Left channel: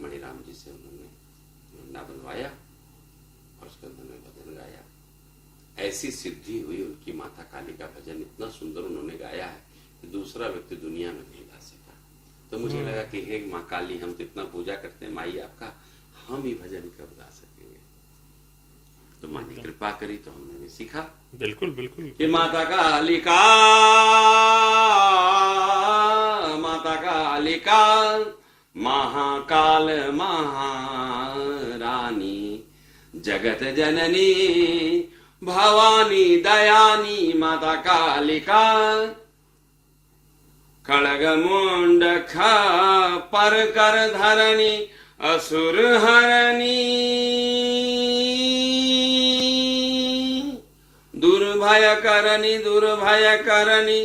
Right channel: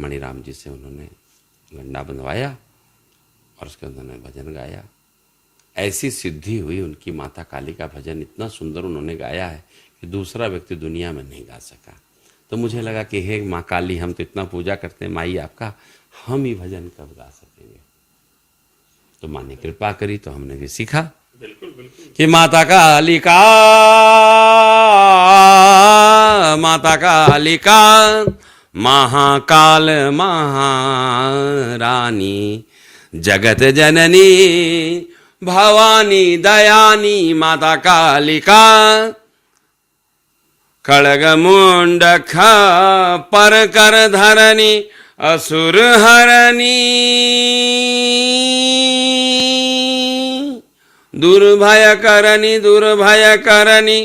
मणिराम जी से उन्होंने गंडा बंधवाया और उसके उन्होंने भजन गाया। ऐसी सिद्धि हुई उनकी। माता काली का भजन इतना सुंदर उन्होंने गाया है कि दूसरा व्यक्ति दुनिया में नहीं गा सका। तो मुझे लगा कि हे माँ काली, हम तो इतना पूजा करते हैं माई आपका, हम ही भजन कब गा सकेंगे। तो माँ ने कृपा करी तो हमने भी सीखा। बिल्कुल बिल्कुल कि माता काली का, माता काली का, महाकाल महारानी, जगत जननी भवानी दयानी, माता कालिका, खड़ग मुंड पर कर धरनी, असुर हरनी, दुर्भय करनी, दुर्भय करनी,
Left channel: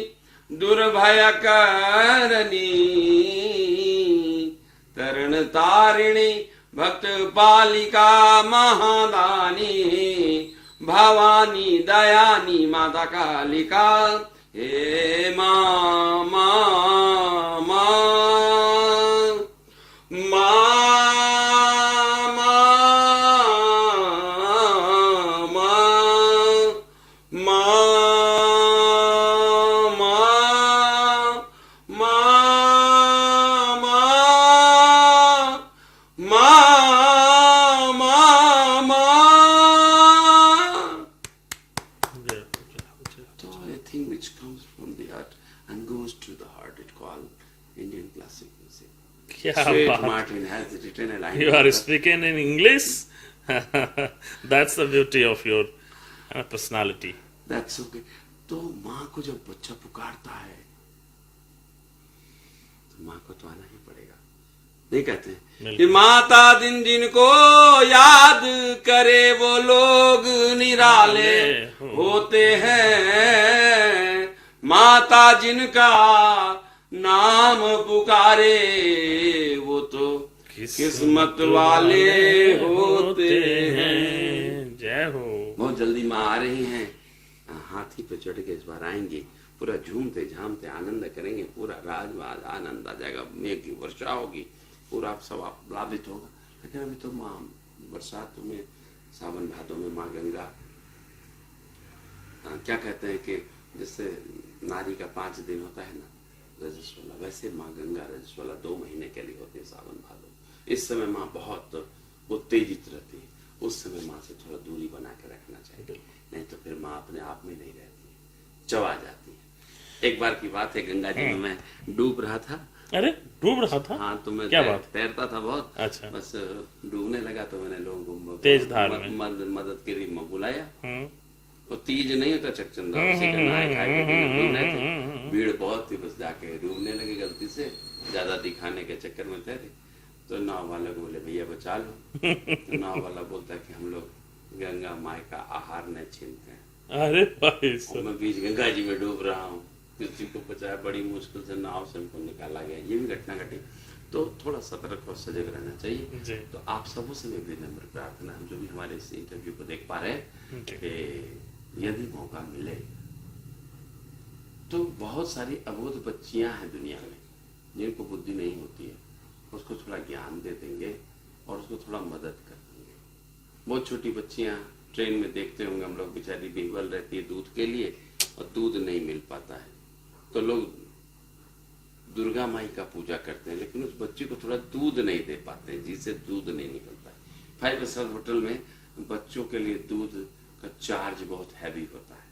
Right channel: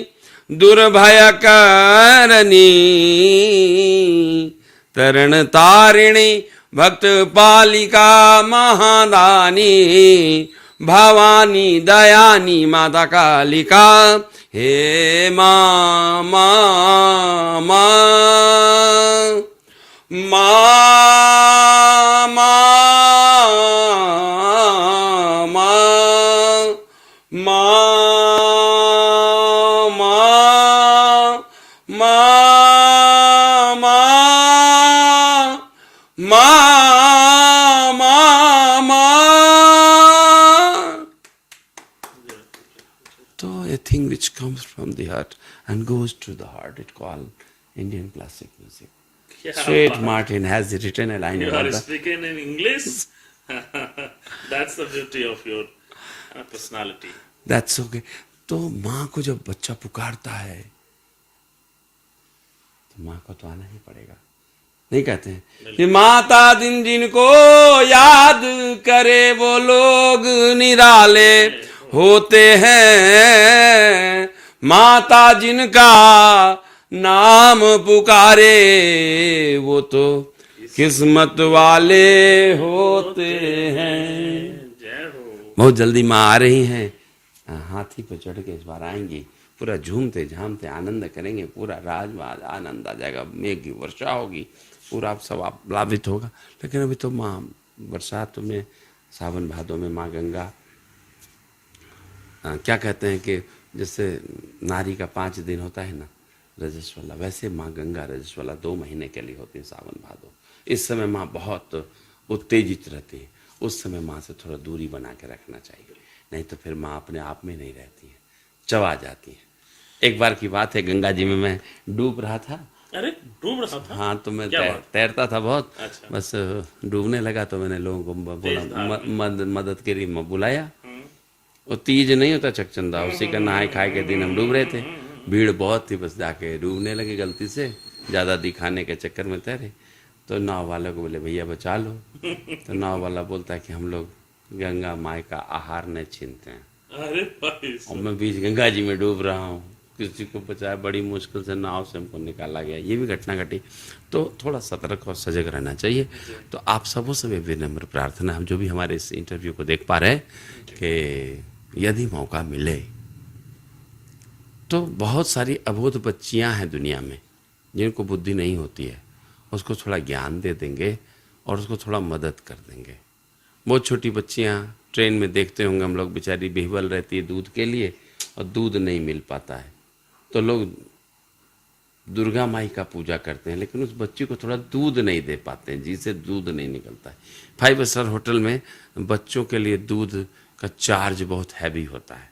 दुर्भय करनी, तरण तारिणी, भक्त पालिका महादानी, भवानी दयानी, माता कालिका। हे माँ माँ माँ माँ माँ माँ thing which comes from the heart and goes to the heart, it called Indian classic music. St. Martin has written a line. You are speaking in English. That's the beauty of your personality. That's okay. तो माँ को जब बच्चा पुकारता है तो माँ को तो आना ही पड़ेगा। नहीं कहते हैं कि माता दिन जिनको याद करे वो लोग निराले होते हैं, माता जिनका नाम पुकारे वो तो किस्मत वाले होते हैं। जय हो। बहुत जल्दी माँ आ रही हैं, हाथी पर चढ़ के इस बार आएंगे, पूरा झूमते झामते आनंद करेंगे, पूरा राजवाज आनंद आ जाएगा, मेघ की वर्षा होगी, पूरा सब लाभित होगा। लेकिन अभी तो माँ बरसात में, सावन भादों में माँ गंगा, क्या कहते हैं कि जैसे नारी का 5 दिन होता है ना रजस्वला, वैसे माँ गंगा रजस्वला 2 महीने के लिए होती है, सावन भादो। इस समय माँ बहुत उत्तेजित रहती है, उस समय माँ से थोड़ा दूरी बना के रखना चाहिए, नहीं तो फिर माँ अपने आप में नहीं रहती है, चवा जाती है। एक बार की बात है, गंगा जी में मैं डूब रहा था। अरे डूब रहा था? हाँ, तो मैं तैरता था बहुत। अच्छा। बस डूबने लगा तो मैंने लोगों को मदद के लिए बुलाया। वो तीज नहीं होता चकचंदा, उसी का नहाए खाए के दिन हम डूब रहे थे, भीड़ बहुत थी, बस जाके डूबने लगे गलती से, ज़्यादा दिखाने के चक्कर में तैरे। तो नाव वाले को बोले भैया बचा लो। तो नाव वाला बोलता है कि हम लोग गंगा माई का आहार नहीं छीनते हैं। अरे भाई, और मैं बीच गंगा जी में डूब रहा हूँ, किसी को बचाया, बड़ी मुश्किल से नाव से हमको निकाला गया। ये भी घटना घटी। तो थोड़ा सतर्क और सजग रहना चाहिए। तो आप सबों से भी विनम्र प्रार्थना, हम जो भी हमारे इस इंटरव्यू को देख पा रहे हैं, कि यदि मौका मिले तो बहुत सारी अबोध बच्चियां हैं दुनिया में जिनको बुद्धि नहीं होती है, उसको थोड़ा ज्ञान दे देंगे और उसको थोड़ा मदद कर देंगे। बहुत छोटी बच्चियां ट्रेन में देखते होंगे हम लोग, बेचारी बेहवल रहती है दूध के लिए और दूध नहीं मिल पाता है, तो लोग दुर्गा माई का पूजा करते हैं, लेकिन उस बच्ची को थोड़ा दूध नहीं दे पाते हैं, जिससे दूध नहीं निकलता है। 5 स्टार होटल में बच्चों के लिए दूध का चार्ज बहुत हैवी होता है,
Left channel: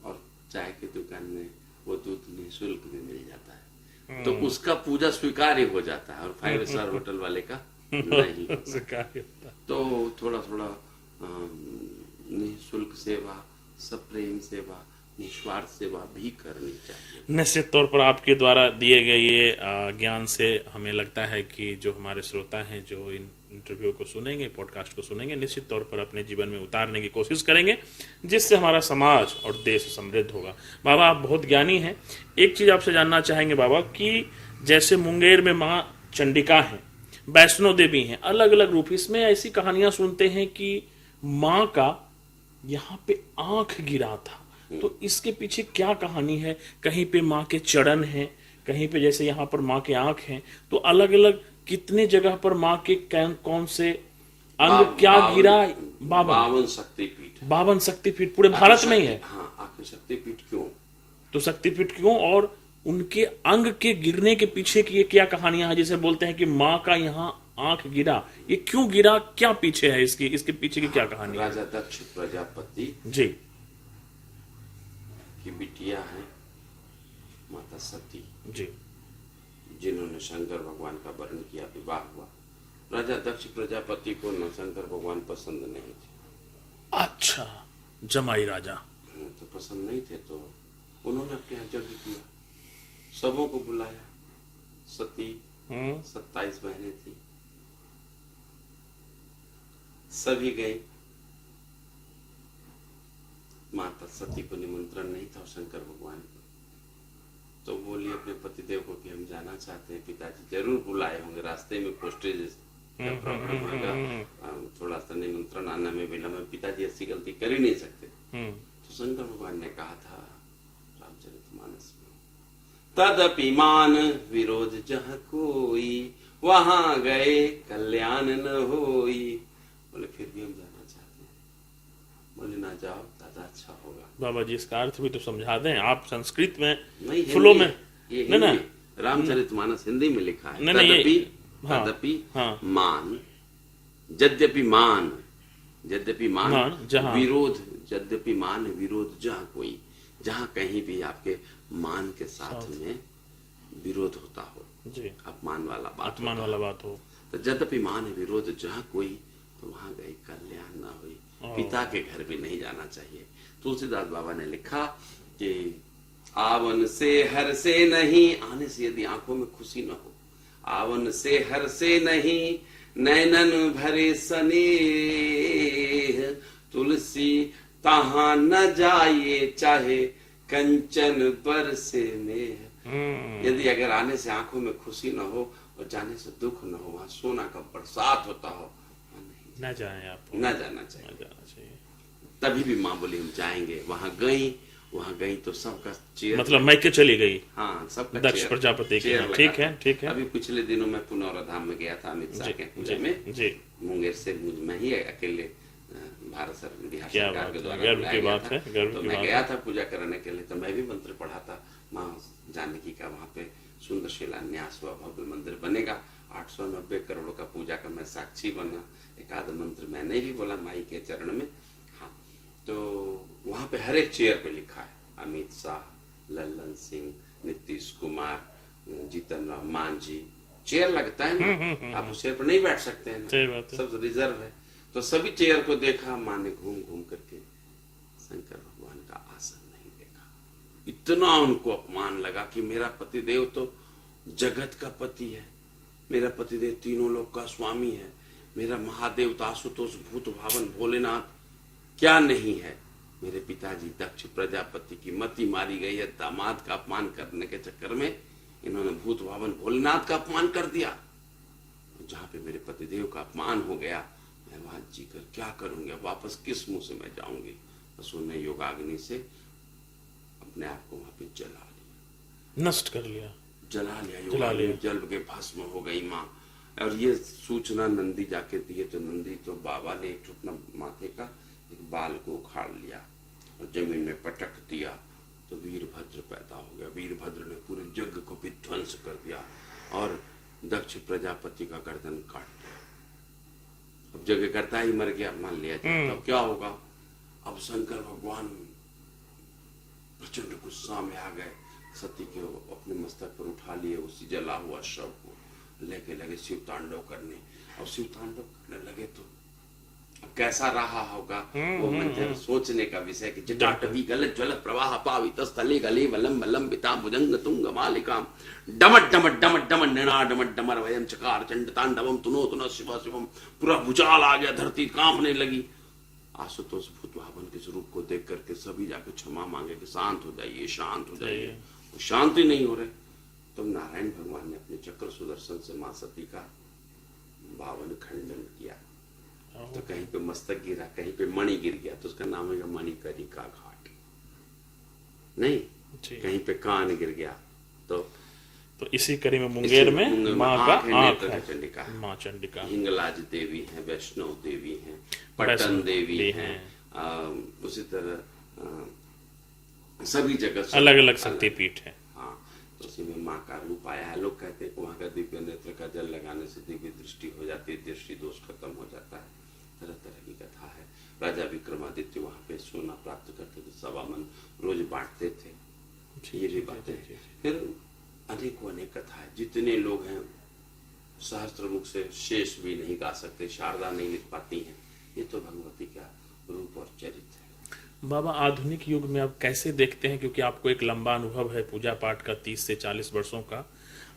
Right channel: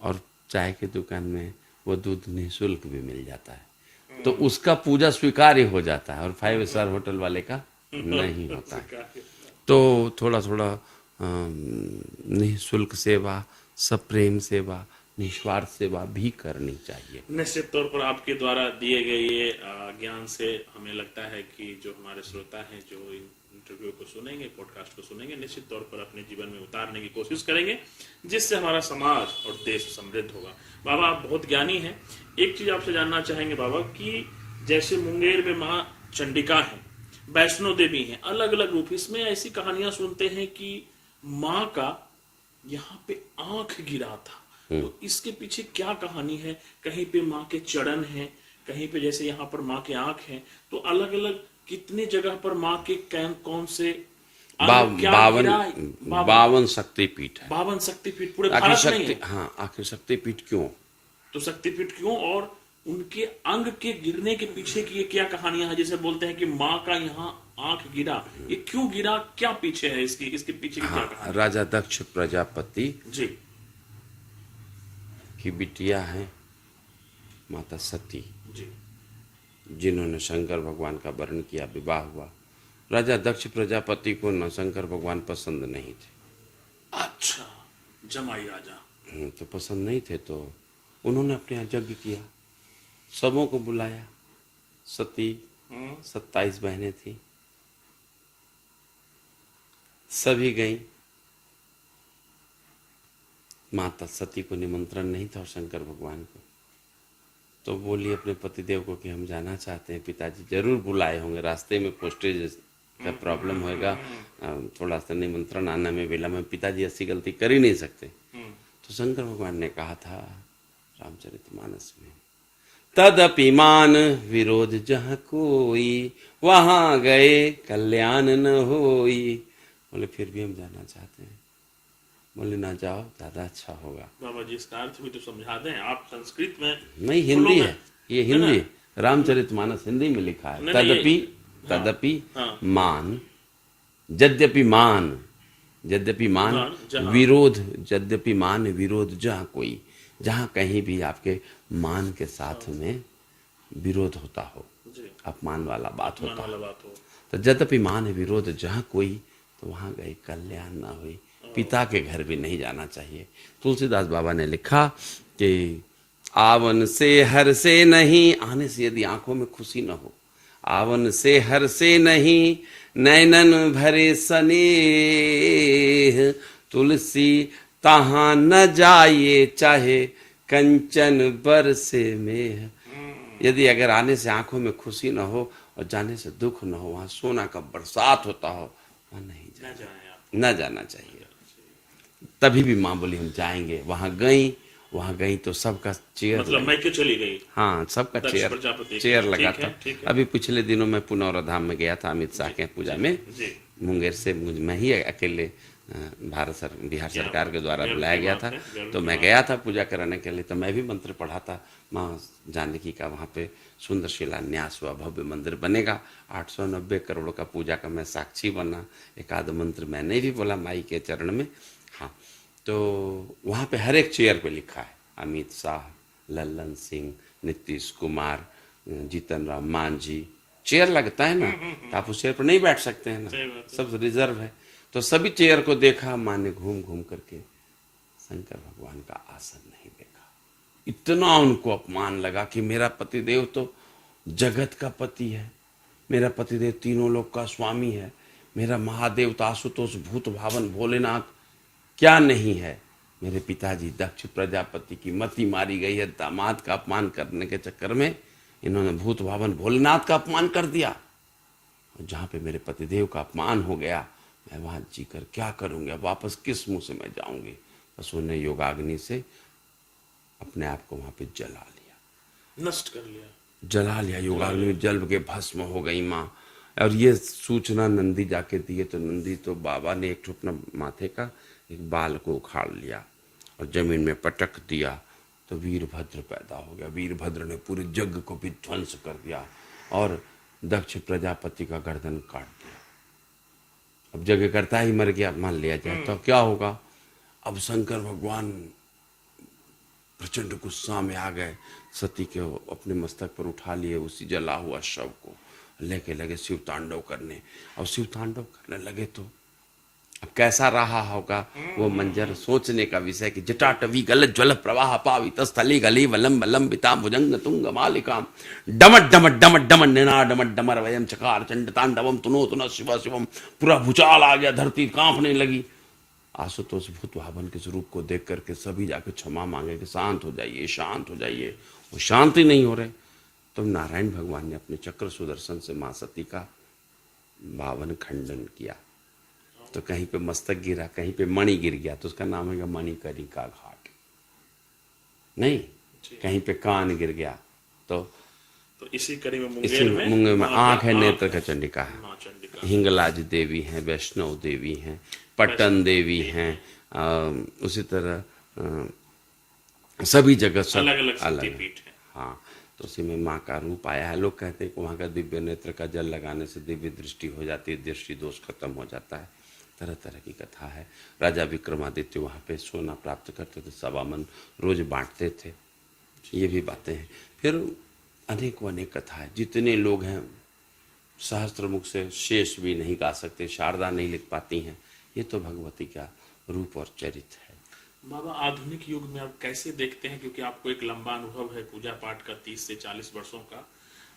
और चाय की दुकान में वो दूध निःशुल्क भी मिल जाता है, तो उसका पूजा स्वीकार्य हो जाता है, और 5 स्टार होटल वाले का नहीं होता। तो थोड़ा थोड़ा निःशुल्क सेवा, सप्रेम सेवा, निस्वार्थ सेवा भी करनी चाहिए। निश्चित तौर पर आपके द्वारा दिए गए ये ज्ञान से हमें लगता है कि जो हमारे श्रोता हैं, जो इन इंटरव्यू को सुनेंगे, पॉडकास्ट को सुनेंगे, निश्चित तौर पर अपने जीवन में उतारने की कोशिश करेंगे, जिससे हमारा समाज और देश समृद्ध होगा। बाबा, आप बहुत ज्ञानी हैं। एक चीज आपसे जानना चाहेंगे बाबा, कि जैसे मुंगेर में माँ चंडिका है, वैष्णो देवी हैं, अलग अलग रूप, इसमें ऐसी कहानियां सुनते हैं कि माँ का यहाँ पे आंख गिरा था, तो इसके पीछे क्या कहानी है? कहीं पे माँ के चरण हैं, कहीं पे जैसे यहाँ पर माँ के आंख हैं, तो अलग अलग कितने जगह पर माँ के कौन से अंग क्या गिरा? 52 शक्तिपीठ है। 52 शक्तिपीठ पूरे आखिर भारत में ही है। हाँ, आखिर शक्तिपीठ क्यों? तो शक्तिपीठ क्यों, और उनके अंग के गिरने के पीछे की ये क्या कहानियां हैं? जैसे बोलते हैं कि माँ का यहाँ आंख गिरा, ये क्यों गिरा, क्या पीछे है इसके पीछे की क्या कहानी? राजा दक्ष प्रजापति जी की बिटिया है माता सती, जी जिन्होंने शंकर भगवान का वर्ण किया, विवाह हुआ। राजा दक्ष प्रजापति को न शंकर भगवान पसंद नहीं थे। अच्छा, जमाई राजा। तो पसंद नहीं थे तो उन्होंने अपने यहाँ यज्ञ किया, सबों को बुलाया। सती 27 बहनें थी, सभी गईं। माता सती को निमंत्रण नहीं था और शंकर भगवान को, तो बोली अपने पतिदेव को कि हम जाना चाहते हैं। पिताजी जरूर बुलाए होंगे, रास्ते में पोस्टेज का प्रॉब्लम होगा, थोड़ा सा निमंत्रण आने में विलम्ब है, पिताजी ऐसी गलती कर ही नहीं सकते। तो शंकर भगवान ने कहा था रामचरितमानस में, तदपि मान विरोध जहाँ कोई, वहां गए कल्याण न होई। बोले फिर भी हम जाना चाहते हैं। बोले ना जाओ, ज्यादा अच्छा होगा। बाबा जी इसका अर्थ भी तो समझा दें, आप संस्कृत में नहीं, फ्लो हिंदी में है ये, हिंदी रामचरितमानस हिंदी में लिखा है। तदपि मान, यद्यपि मान, यद्यपि मान विरोध, यद्यपि मान विरोध जहाँ कोई, जहाँ कहीं भी आपके मान के साथ में विरोध होता हो, अपमान वाला बात हो, तो यद्यपि मान विरोध जहाँ कोई, तो वहां गए कल्याण ना हुई। पिता के घर भी नहीं जाना चाहिए। तुलसीदास बाबा ने लिखा कि आवन से हर से नहीं, आने से यदि आंखों में खुशी न हो, आवन से हर से नहीं, नैनन भरे स्नेह, तुलसी तहां न जाइए चाहे कंचन बरसे में। यदि अगर आने से आंखों में खुशी न हो और जाने से दुख न हो, वहां सोना का बरसात होता हो, वहां नहीं न जाए, आप न जाना चाहिए। तभी भी माँ बोली हम जाएंगे। वहां गई तो सबका चेयर, मतलब मैके चली गई। हाँ, सबका प्रजापति चेयर लगा था। ठीक है। अभी पिछले दिनों में पुनौरा धाम में गया था अमित शाह के पूजा में, मुंगेर से मैं ही अकेले बिहार सरकार के द्वारा बुलाया गया था, तो मैं गया था पूजा कराने के लिए। तो मैं भी मंत्र पढ़ा था, माँ जानकी का वहाँ पे सुंदर शिलान्यास हुआ, भव्य मंदिर बनेगा, 890 करोड़ का पूजा का मैं साक्षी बना। एक आध मंत्र मैंने भी बोला माई के चरण में। हाँ, तो वहाँ पे हर एक चेयर पे लिखा है अमित शाह, लल्लन सिंह, नीतीश कुमार, जीतन राम मांझी। चेयर लगता है ना, आप उस चेयर पर नहीं बैठ सकते हैं ना, सब रिजर्व है। तो सभी चेयर को देखा, माँ ने घूम घूम करके शंकर भगवान का आसन नहीं देखा। इतना उनको अपमान लगा कि मेरा पतिदेव तो जगत का पति है, मेरा पतिदेव तीनों लोक का स्वामी है, मेरा महादेव तो आशुतोष भूत भावन भोलेनाथ क्या नहीं है। मेरे पिताजी दक्ष प्रजापति की मति मारी गई है, दामाद का अपमान करने के चक्कर में इन्होंने भूत भावन भोलेनाथ का अपमान कर दिया। जहाँ पे मेरे पतिदेव का अपमान हो गया, मैं वहां जीकर क्या करूंगी, अब वापस किस मुंह से मैं जाऊंगी। बस उन्होंने योगाग्नि से अपने आप को वहां पे जला लिया, नष्ट कर लिया, जला लिया। योगाग्नि जल के भस्म हो गई माँ। और ये सूचना नंदी जाके दिए, तो नंदी तो बाबा ने एक अपना माथे का एक बाल को उखाड़ लिया और जमीन में पटक दिया, तो वीरभद्र पैदा हो गया। वीरभद्र ने पूरे जग को भी ध्वंस कर दिया और दक्ष प्रजापति का गर्दन काट दिया। अब जगह करता ही मर गया, मान लिया जाए तो क्या होगा। अब शंकर भगवान प्रचंड गुस्सा में आ गए, सती के अपने मस्तक पर उठा लिए, उसी जला हुआ शव को लेके लगे शिव तांडव करने। और शिव तांडव करने लगे तो अब कैसा रहा होगा वो मंजर, सोचने का विषय कि जटाटवी गल ज्वल प्रवाह पावित स्थले गले वलम वलम बिता भुजंग तुंग मालिकाम डमट डमट डमट डमट निना डमट डमर वयम चकार चंड तांडवम तुनो तुन शिव शिवम। पूरा भूचाल आ गया, धरती कांपने लगी। आशुतोष भूत भावन के स्वरूप को देख करके सभी जाके क्षमा मांगे कि शांत हो जाइए, शांत हो जाइए। वो शांत ही नहीं हो रहे। तो नारायण भगवान ने अपने चक्र सुदर्शन से मां सती का 52 खंडन किया। तो कहीं पे मस्तक गिरा, कहीं पे मणि गिर गया, तो उसका नाम है मणिकर्णिका घाट। नहीं, कहीं पे कान गिर गया तो तो इसी कड़ी में मुंगेर में मुंगेर में माँ का आँख है, नेत्र का चंडिका है। माँ चंडिका, हिंगलाज देवी हैं, वैष्णव देवी हैं, पट्टन देवी हैं, उसी तरह सभी जगह सब अलग अलग शक्तिपीठ है। हाँ, तो उसी में माँ का रूप आया है। लोग कहते हैं कि वहाँ का दिव्य नेत्र का जल लगाने से दिव्य दृष्टि हो जाती है, दृष्टि दोष खत्म हो जाता है। तरह तरह की कथा है। राजा विक्रमादित्य वहाँ पे सोना प्राप्त करते थे, 1.25 मन रोज बांटते थे, ये भी बातें हैं। फिर अनेकों अनेक कथा है। जितने लोग हैं सहस्त्रमुख से शेष भी नहीं गा सकते, शारदा नहीं लिख पाती हैं। ये तो भगवती का रूप और चरित्र है। बाबा, आधुनिक युग में अब कैसे देखते हैं, क्योंकि आपको एक लंबा अनुभव है पूजा पाठ का 30 से 40 वर्षों का,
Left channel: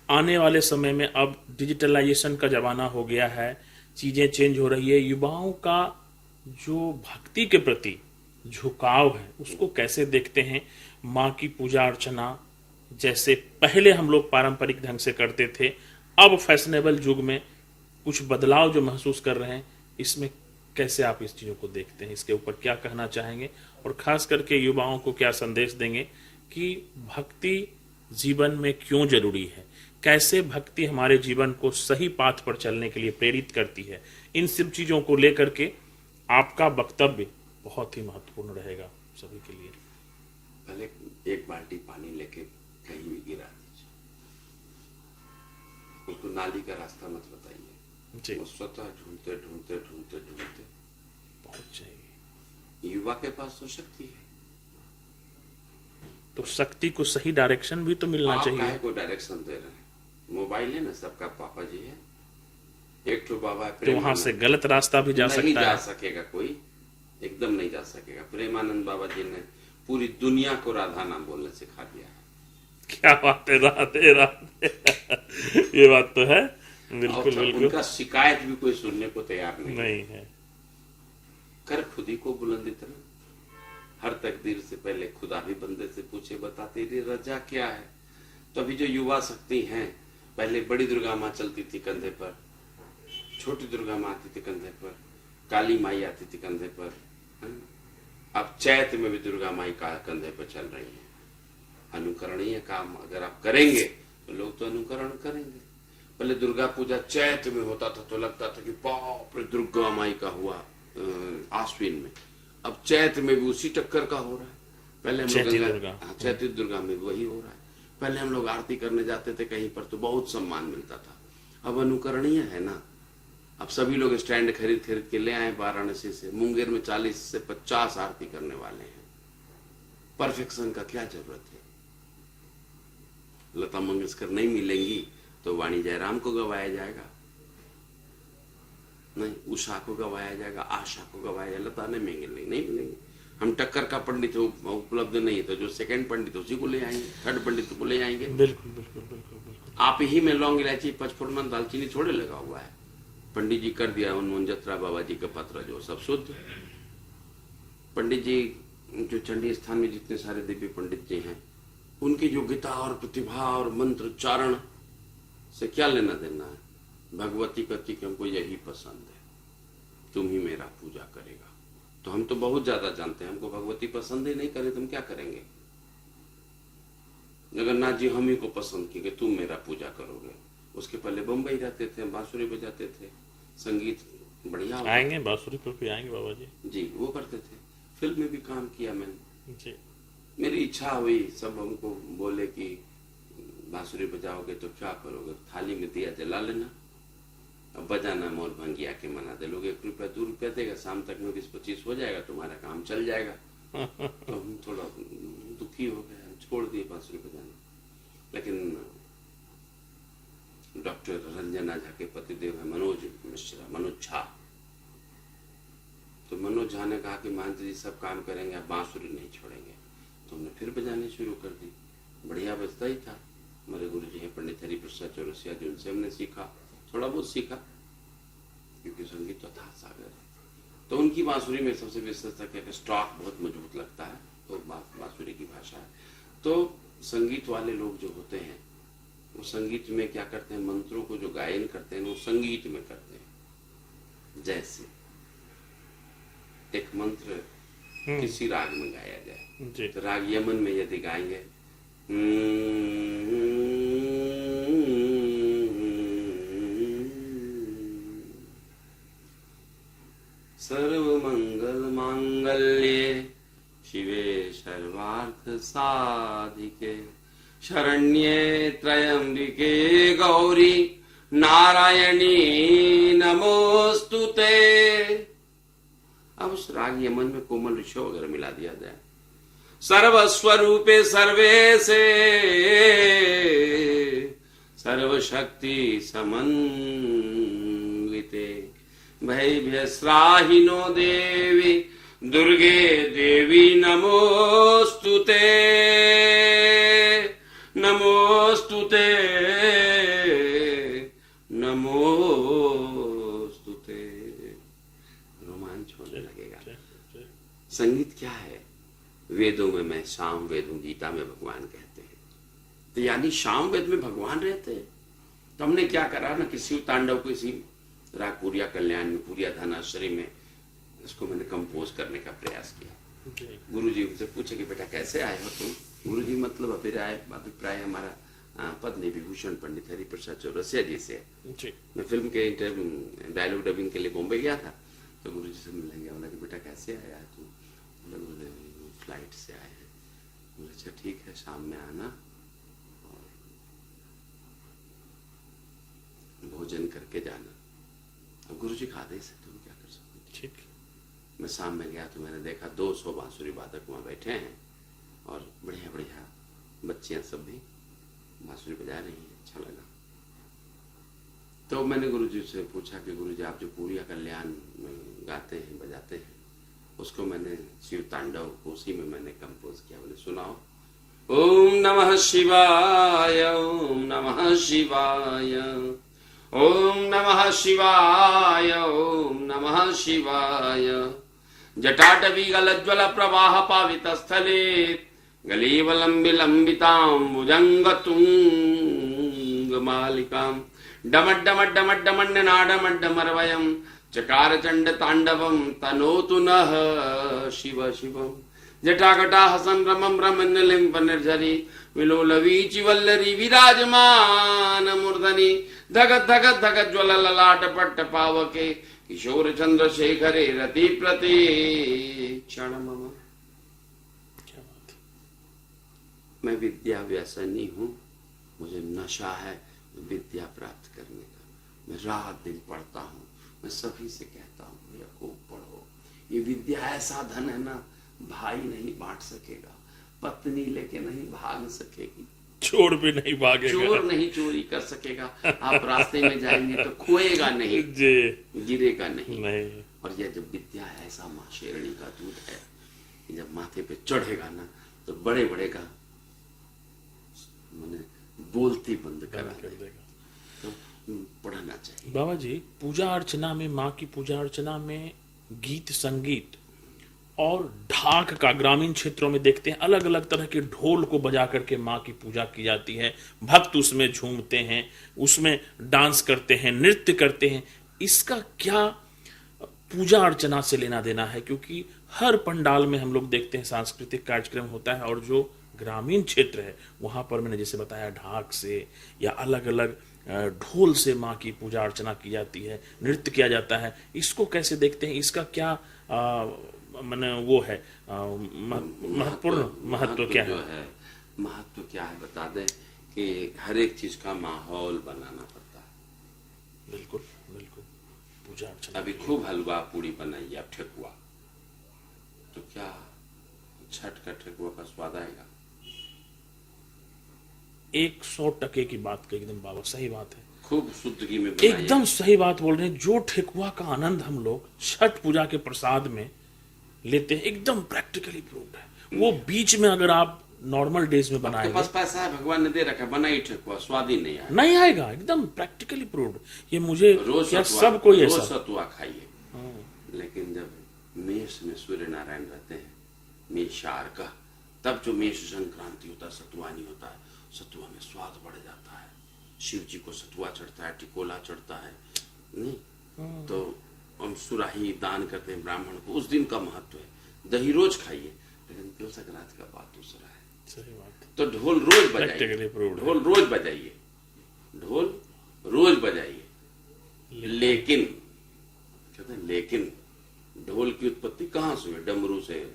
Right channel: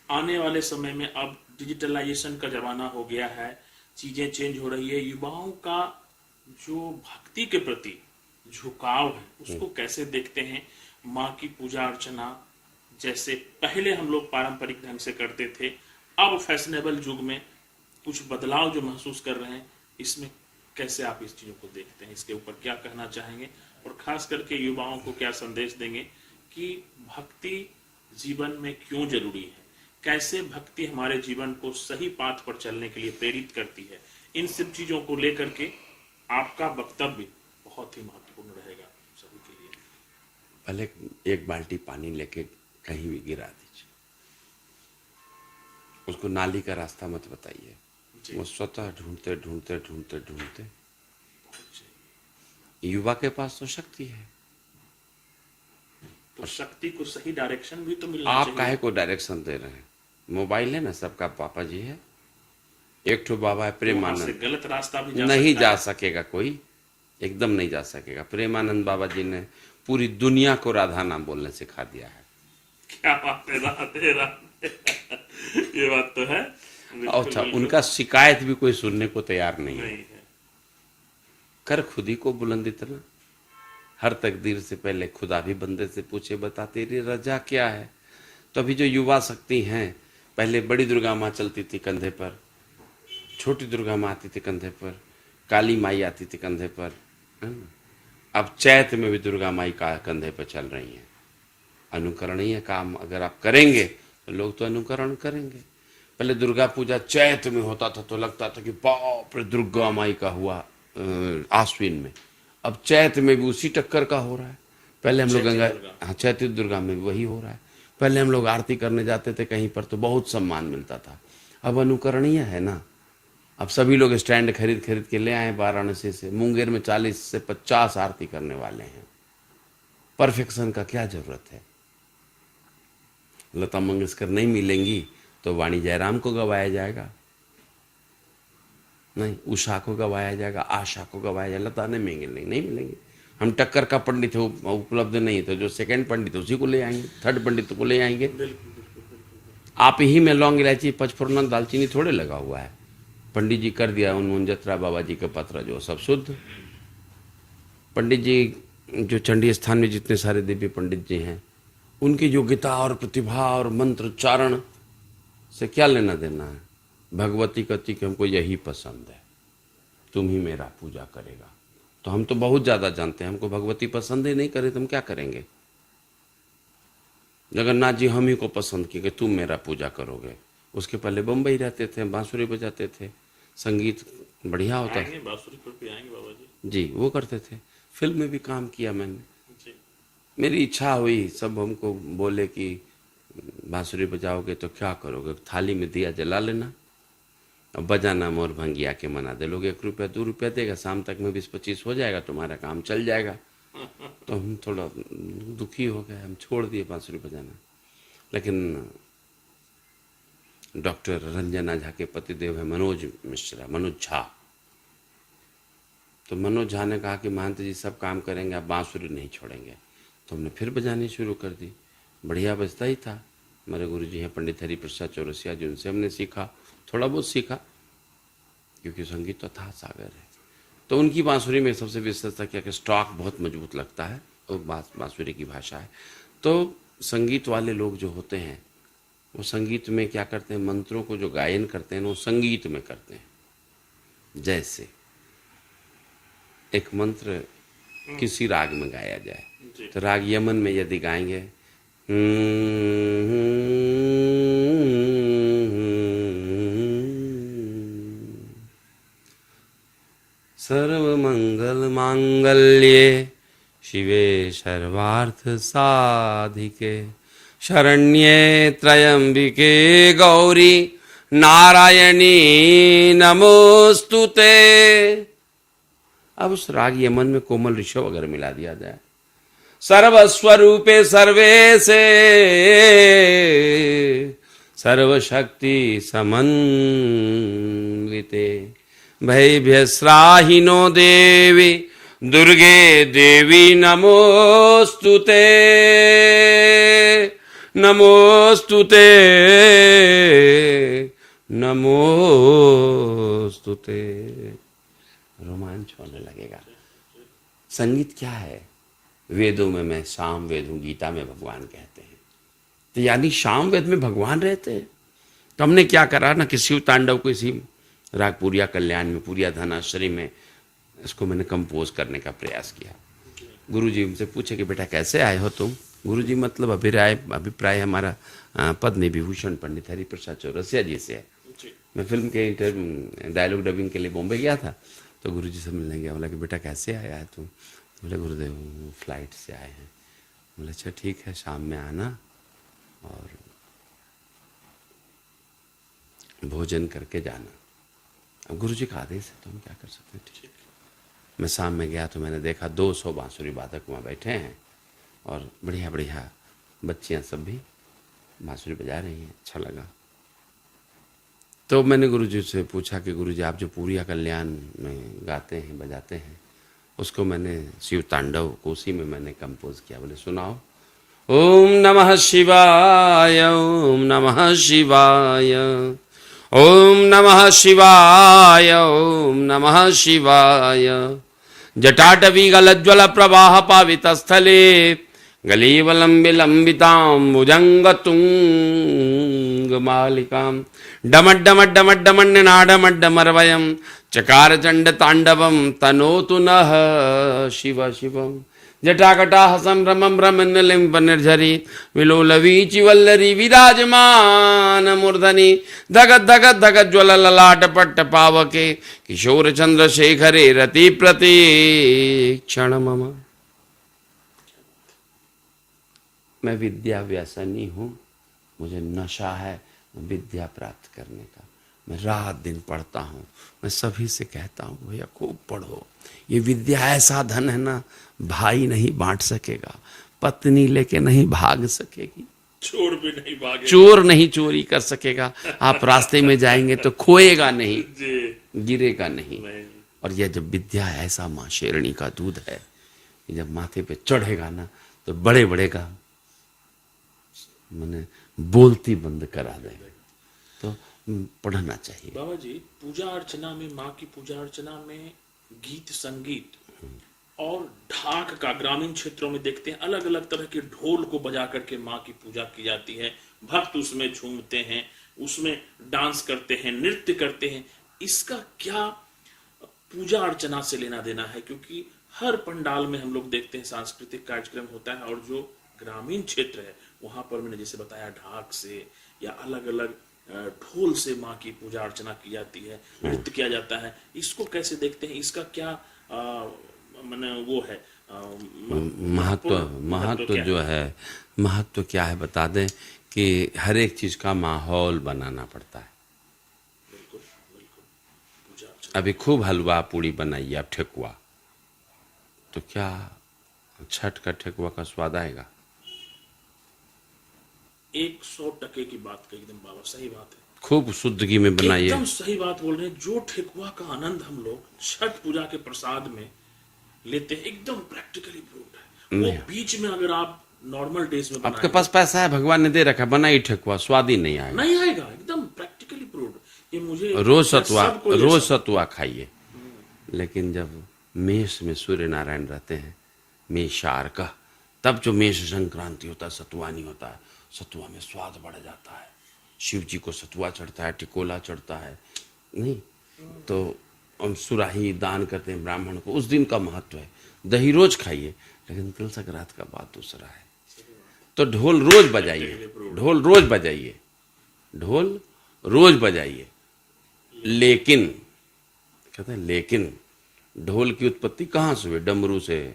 आने वाले समय में अब डिजिटलाइजेशन का जमाना हो गया है, चीजें चेंज हो रही है, युवाओं का जो भक्ति के प्रति झुकाव है उसको कैसे देखते हैं? माँ की पूजा अर्चना जैसे पहले हम लोग पारंपरिक ढंग से करते थे, अब फैशनेबल युग में कुछ बदलाव जो महसूस कर रहे हैं, इसमें कैसे आप इस चीजों को देखते हैं? इसके ऊपर क्या कहना चाहेंगे और खास करके युवाओं को क्या संदेश देंगे कि भक्ति जीवन में क्यों जरूरी है, कैसे भक्ति हमारे जीवन को सही पाथ पर चलने के लिए प्रेरित करती है? इन सब चीजों को लेकर के आपका वक्तव्य बहुत ही महत्वपूर्ण रहेगा सभी के लिए। पहले एक बाल्टी पानी लेके कहीं भी गिरा दीजिए, उसको नाली का रास्ता मत बताइए, वो स्वतः ढूंढते ढूंढते ढूंढते ढूंढते पहुंच जाएगी। युवा के पास तो शक्ति है, तो शक्ति को सही डायरेक्शन भी तो मिलना आप चाहिए। काहे को डायरेक्शन दे रहे हैं? मोबाइल है ना, सबका पापा जी है, एक ठो बाबा है तो वहां प्रेमानंद, से गलत रास्ता भी जा नहीं सकता जा है। सकेगा कोई, एकदम नहीं जा सकेगा। प्रेमानंद बाबा जी ने पूरी दुनिया को राधा नाम बोलने सिखा दिया है। क्या बात है, राधे राधे ये बात तो है। बिल्कुल, अच्छा, बिल्कुल। उनका शिकायत भी कोई सुनने को तैयार नहीं है। नहीं है। कर खुदी को बुलंद इतना, हर तकदीर से पहले खुदा भी बंदे से पूछे बता तेरी रजा क्या है। तो अभी जो युवा शक्ति हैं, पहले बड़ी दुर्गा माँ चलती थी कंधे पर, छोटी दुर्गा माँ आती थी कंधे पर, काली माई आती थी कंधे पर, अब चैत में भी दुर्गा माई का कंधे पर चल रही है। अनुकरणीय काम अगर आप करेंगे तो लोग तो अनुकरण करेंगे। पहले दुर्गा पूजा चैत में होता था तो लगता था कि बाप रे दुर्गा माई का हुआ आश्विन में, अब चैत में भी उसी टक्कर का हो रहा है। पहले हम लोग गंगा, चैती दुर्गा में भी वही हो रहा है। पहले हम लोग आरती करने जाते थे कहीं पर तो बहुत सम्मान मिलता था, अब अनुकरणीय है ना। अब सभी लोग स्टैंड खरीद खरीद के ले आए वाराणसी से, मुंगेर में 40 से 50 आरती करने वाले हैं। परफेक्शन का क्या जरूरत है? लता मंगेशकर नहीं मिलेंगी तो वाणी जयराम को गवाया जाएगा, नहीं उषा को गवाया जाएगा, आशा को गवाया जाएगा, लता ने मिलेंगे नहीं मिलेंगे। हम टक्कर का पंडित है उपलब्ध नहीं तो जो सेकंड पंडित उसी को ले आएंगे, थर्ड पंडित को ले आएंगे। बिल्कुल बिल्कुल बिल्कुल। आप ही में लौंग इलायची पचफोरन दालचीनी थोड़े लगा हुआ है, पंडित जी कर दिया उन जत्रा बाबा जी का पत्र जो सब शुद्ध। पंडित जी जो चंडी स्थान में जितने सारे दिव्य पंडित जी हैं, उनकी योग्यता और प्रतिभा और मंत्र उच्चारण से क्या लेना देना है? भगवती कहती कि हमको यही पसंद है, तुम ही मेरा पूजा करेगा। तो हम तो बहुत ज्यादा जानते हैं, हमको भगवती पसंद ही नहीं करे तो हम क्या करेंगे? जगन्नाथ जी हम ही को पसंद किए कि तुम मेरा पूजा करोगे। उसके पहले बम्बई रहते थे, बांसुरी बजाते थे, संगीत बढ़िया होता आएंगे बांसुरी पे आएंगे बाबा जी, वो करते थे। फिल्म में भी काम किया मैंने जी। मेरी इच्छा हुई, सब हमको बोले कि बांसुरी बजाओगे तो क्या करोगे? थाली में दिया जला लेना और बजाना मोर भंगिया के मना दे। लोग 1 रुपया 2 रुपया देगा, शाम तक में 20-25 हो जाएगा, तुम्हारा काम चल जाएगा। तो हम थोड़ा दुखी हो गए, हम छोड़ दिए बांसुरी बजाना। लेकिन डॉक्टर रंजना झा के पतिदेव है मनोज मिश्रा, मनोज झा, तो मनोज झा ने कहा कि महंत जी सब काम करेंगे, आप बांसुरी नहीं छोड़ेंगे। तो हमने फिर बजानी शुरू कर दी। बढ़िया बजता ही था। हमारे गुरु जी हैं पंडित हरिप्रसाद चौरसिया जी, उनसे हमने सीखा, थोड़ा बहुत सीखा, क्योंकि संगीत तो था सागर है। तो उनकी बांसुरी में सबसे विशेषता क्या कि स्टॉक बहुत मजबूत लगता है और बांसुरी की भाषा है। तो संगीत वाले लोग जो होते हैं वो संगीत में क्या करते हैं, मंत्रों को जो गायन करते हैं वो संगीत में करते हैं। जैसे एक मंत्र किसी राग में गाया जाए, तो राग यमन में यदि गाएंगे सर्वमंगल मांगल्ये शिवे सर्वार्थ साधिके शरण्ये त्र्यंबिके गौरी नारायणी नमोस्तुते। अब उस राग यमन में कोमल ऋषभ अगर मिला दिया जाए, सर्वस्वरूपे सर्वेशे सर्वशक्ति समन्विते भयभ्यस्राहिनो देवी दुर्गे देवी नमोस्तुते नमोस्तुते नमोस्तुते। रोमांच होने लगेगा। संगीत क्या है? वेदों में मैं साम वेद हूं, गीता में भगवान कहते हैं। तो यानी साम वेद में भगवान रहते हैं। तो हमने क्या करा ना कि शिव तांडव को इसी राग पूरिया कल्याण में, पूरिया धनाश्री में इसको मैंने कंपोज करने का प्रयास किया। गुरुजी हमसे पूछे कि बेटा कैसे आए हो तुम? गुरुजी मतलब अभिप्राय हमारा पद्म विभूषण पंडित हरिप्रसाद चौरसिया जी से है। मैं फिल्म के डायलॉग डबिंग के लिए बॉम्बे गया था, तो गुरुजी से मिलने गया। बोला कि बेटा कैसे आया है तुम? बोले गुरुदेव फ्लाइट से आए हैं। बोले अच्छा ठीक है, शाम में आना और भोजन करके जाना। अब गुरुजी का आदेश है तो हम क्या कर सकते हैं। ठीक। मैं शाम में गया तो मैंने देखा 200 बांसुरी वादक वहाँ बैठे हैं और बढ़िया बढ़िया बच्चियाँ सब भी बांसुरी बजा रही हैं। अच्छा लगा। तो मैंने गुरुजी से पूछा कि गुरुजी आप जो पूरिया कल्याण में गाते हैं बजाते हैं उसको मैंने शिव तांडव को उसी में मैंने कंपोज किया। बोले सुनाओ। ओम नमः शिवाय ओम नमः शिवाय ओम नमः शिवाय ओम नमः शिवाय जटाटवी गलज्वल प्रवाह पावित स्थले गलीवलंबिलंबितां भुजंगतुंग मालिकां डमड्डमड्डमड्डमण्डनाडमड्डमरवयं चकार चंड तांडवं तनोतु नः शिव शिवम जटाकटाह संभ्रमं भ्रमन्नलिम्ब निर्झरी विलोलवीचि वल्लरी विराजमान मूर्धनि धगत धगत धगत ज्वल ललाट पट्ट पावके किशोर चंद्रशेखरे रति प्रतीक्षण मम। मैं विद्या व्यसनी हूँ, मुझे नशा है विद्या प्राप्त करने का। मैं रात दिन पढ़ता हूँ। मैं सभी से कहता हूँ भैया खूब पढ़ो, ये विद्या ऐसा धन है ना भाई नहीं बांट सकेगा, पत्नी लेके नहीं भाग सकेगी, चोर भी नहीं भागेगा, चोर नहीं चोरी कर सकेगा, आप रास्ते में जाएंगे तो खोएगा नहीं, गिरेगा नहीं। और यह जब विद्या ऐसा माँ शेरणी का दूध है, जब माथे पे चढ़ेगा ना तो बड़े बड़े का मैंने बोलती बंद करा देगा। तो पढ़ना चाहिए। बाबा जी पूजा अर्चना में, माँ की पूजा अर्चना में गीत संगीत और ढाक का ग्रामीण क्षेत्रों में देखते हैं अलग अलग तरह के ढोल को बजा करके माँ की पूजा की जाती है। भक्त उसमें झूमते हैं, उसमें डांस करते हैं, नृत्य करते हैं। इसका क्या पूजा अर्चना से लेना देना है? क्योंकि हर पंडाल में हम लोग देखते हैं सांस्कृतिक कार्यक्रम होता है, और जो ग्रामीण क्षेत्र है वहां पर मैंने जैसे बताया ढाक से या अलग अलग ढोल से माँ की पूजा अर्चना की जाती है, नृत्य किया जाता है। इसको कैसे देखते हैं? इसका क्या मैंने वो है महत्व जो है, महत्व क्या है बता दें कि हर एक चीज का माहौल बनाना पड़ता है। बिल्कुल बिल्कुल। पूजा अर्चना अभी खूब हलवा पूड़ी बनाइए आप, ठेकुआ, तो क्या छठ का ठेकुआ का स्वाद आएगा? 100% की बात कही एकदम बाबा, सही बात है। खूब शुद्ध घी में बनाइए, एकदम सही बात बोल रहे हैं। जो ठेकुआ का आनंद हम लोग छठ पूजा के प्रसाद में लेते हैं एकदम प्रैक्टिकली प्रूव्ड है। वो बीच में अगर आप नॉर्मल डेज में आपके पास पैसा है, भगवान ने दे रखा, बनाई ठेकुआ, स्वाद ही नहीं आएगा, नहीं आएगा। एकदम प्रैक्टिकली प्रूव्ड। ये मुझे रोज सतुआ खाइए। लेकिन जब मेष में सूर्य नारायण रहते हैं, मेषार का, तब जो मेष संक्रांति होता है सतुआ नहीं होता है, सतुआ में स्वाद बढ़ जाता है। शिव जी को सतुआ चढ़ता है, टिकोला चढ़ता है, नहीं तो हम सुराही दान करते हैं ब्राह्मण को, उस दिन का महत्व है। दही रोज खाइए, लेकिन तिल संक्रांति का बात दूसरा है। तो ढोल रोज बजाइए, ढोल रोज बजाइए, ढोल रोज बजाइए। लेकिन कहते हैं लेकिन ढोल की उत्पत्ति कहाँ से हुई? डमरू से।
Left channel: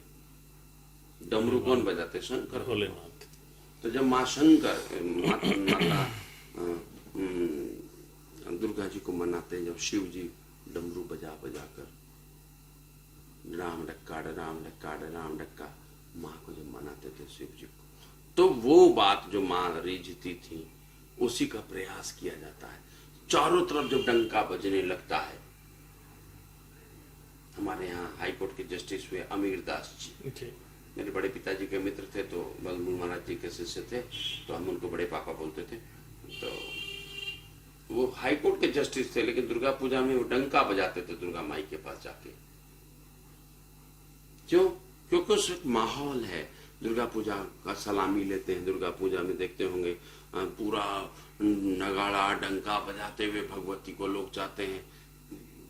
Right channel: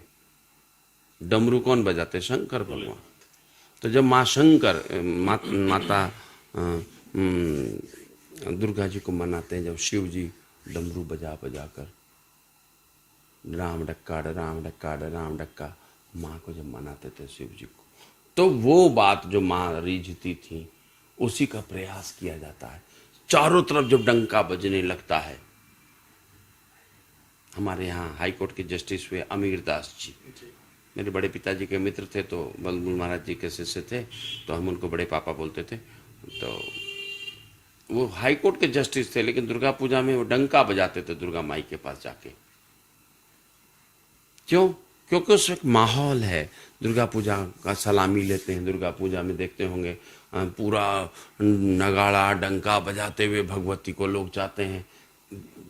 डमरू कौन बजाते? शंकर भगवान। भोलेनाथ। तो जब माँ शंकर माता दुर्गा जी को मनाते हैं, जब शिव जी डमरू बजा बजा कर राम डक्का राम डक्का राम डक्का माँ को जब मनाते थे शिव जी को, तो वो बात जो माँ रीझती थी उसी का प्रयास किया जाता है। चारों तरफ जब डंका बजने लगता है, हमारे यहाँ हाई कोर्ट के जस्टिस हुए अमीर दास जी, मेरे बड़े पिताजी के मित्र थे, तो बलमूल महाराज जी के शिष्य थे, तो हम उनको बड़े पापा बोलते थे। तो वो हाई कोर्ट के जस्टिस थे, लेकिन दुर्गा पूजा में वो डंका बजाते थे दुर्गा माई के पास जाके। क्यों? क्योंकि उस एक माहौल है। दुर्गा पूजा का सलामी लेते हैं, दुर्गा पूजा में देखते होंगे पूरा नगाड़ा डंका बजाते हुए भगवती को लोग जाते हैं।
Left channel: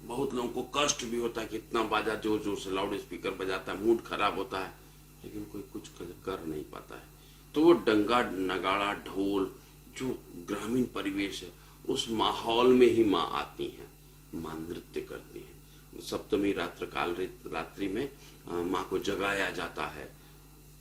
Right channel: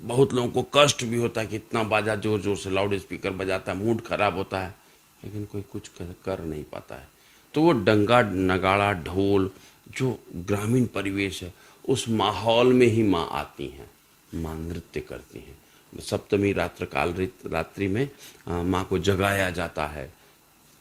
बहुत लोगों को कष्ट भी होता है कि इतना बाजा जोर जोर से लाउड स्पीकर बजाता है, मूड खराब होता है, लेकिन कोई कुछ कर नहीं पाता है। तो वो डंगा नगाड़ा ढोल जो ग्रामीण परिवेश है, उस माहौल में ही माँ आती हैं, माँ नृत्य करती हैं। सप्तमी रात्रि में माँ को जगाया जाता है।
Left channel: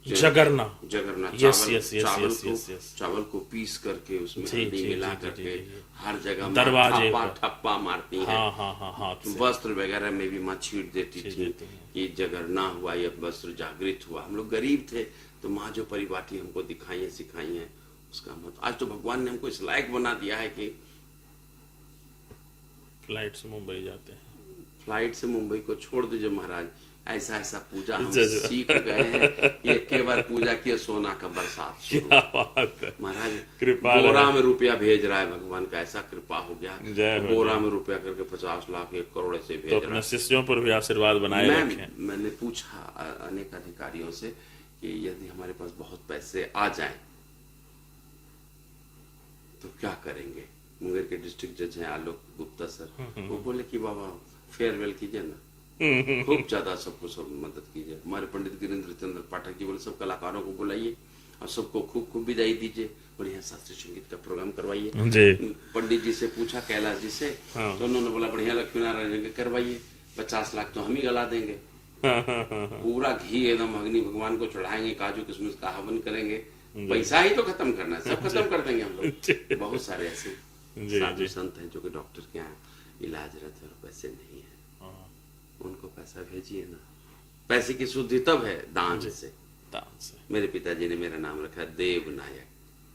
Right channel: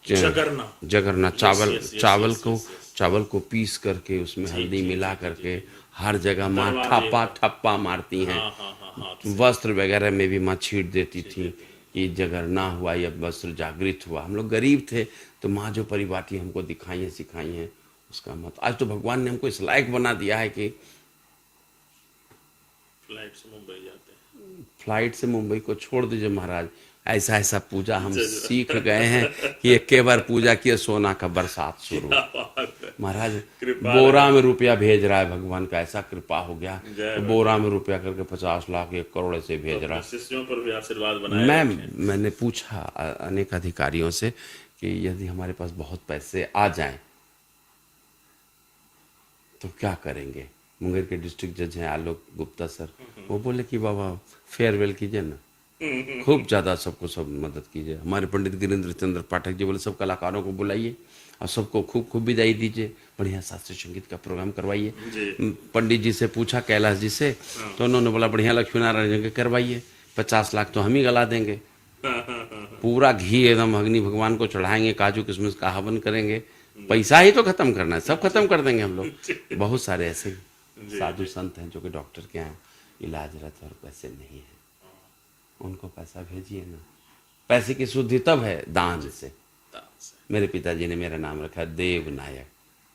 जगरना चावल को पीस करके उसमें हल्दी मिला करके हर जगह माँ ठप्पा मारती हैं। वस्त्र वगैरह में भी माँ छीट देती थी कि जगरना हुआ या वस्त्र जागृत हुआ। हम लोग गरीब थे, तो माँ जो परिपाटी हमको दिखाई है सिखाई है, उसका मत आज तो भगवान ने हमको इस लायक बना दिया है कि फ्लाइट से मुंबई जाते हैं। फ्लाइट से मुंबई को छोड़ दीजिए महाराज, ऐसा ऐसा पूजा हम सीख गए हैं कि एक बार पूजा किए सोना का बरसात शुरू। महाराज बोरा में रुपया भेज रहा है भगवान का, ऐसा कृपा हो गया तो बोरा में रुपया करके 50 लाख 1 करोड़ से भेज रहा है। शिष्यों पर भी आशीर्वाद बनाए। मैंने पूछा अनेक अधिकारियों से कि यदि हमारे पास बहुत पैसे आ जाएं तो क्या करेंगे। मुंगेर के डिस्ट्रिक्ट जज हैं आलोक गुप्ता सर, वो बोले कि बाबा फेयरवेल कीजिए ना, खूब ज्यादा सबको सब मदद कीजिए। हमारे पंडित गिरिंद्र चंद्र पाठक जी बोले सब कलाकारों को बुलाइए और सबको खूब खूब विदाई दीजिए, बढ़िया शास्त्रीय संगीत का प्रोग्राम करवाइए। पंडित जी से पूछा कैलाश जी से, तो उन्होंने बोला बढ़िया लक्ष्मी नारायण जी करवाइए, 50 लाख तो हम ही गला देंगे। पूरा घी एकदम अग्नि भगवान को चढ़ाएंगे, काजू किशमिश का हवन करेंगे, पैसा ही तो खत्म करना है, सब खत्म कर देंगे हम लोग। बहुत सारे ऐसे साधु संत हैं जो कि डॉक्टर के यहाँ इलाजरत और पैसे नहीं है, उनको पैसा भेजिए ना। पैसे की शुद्धि तब है दान से। मेरे पिताजी ने मेरा नाम रखा देव नायक,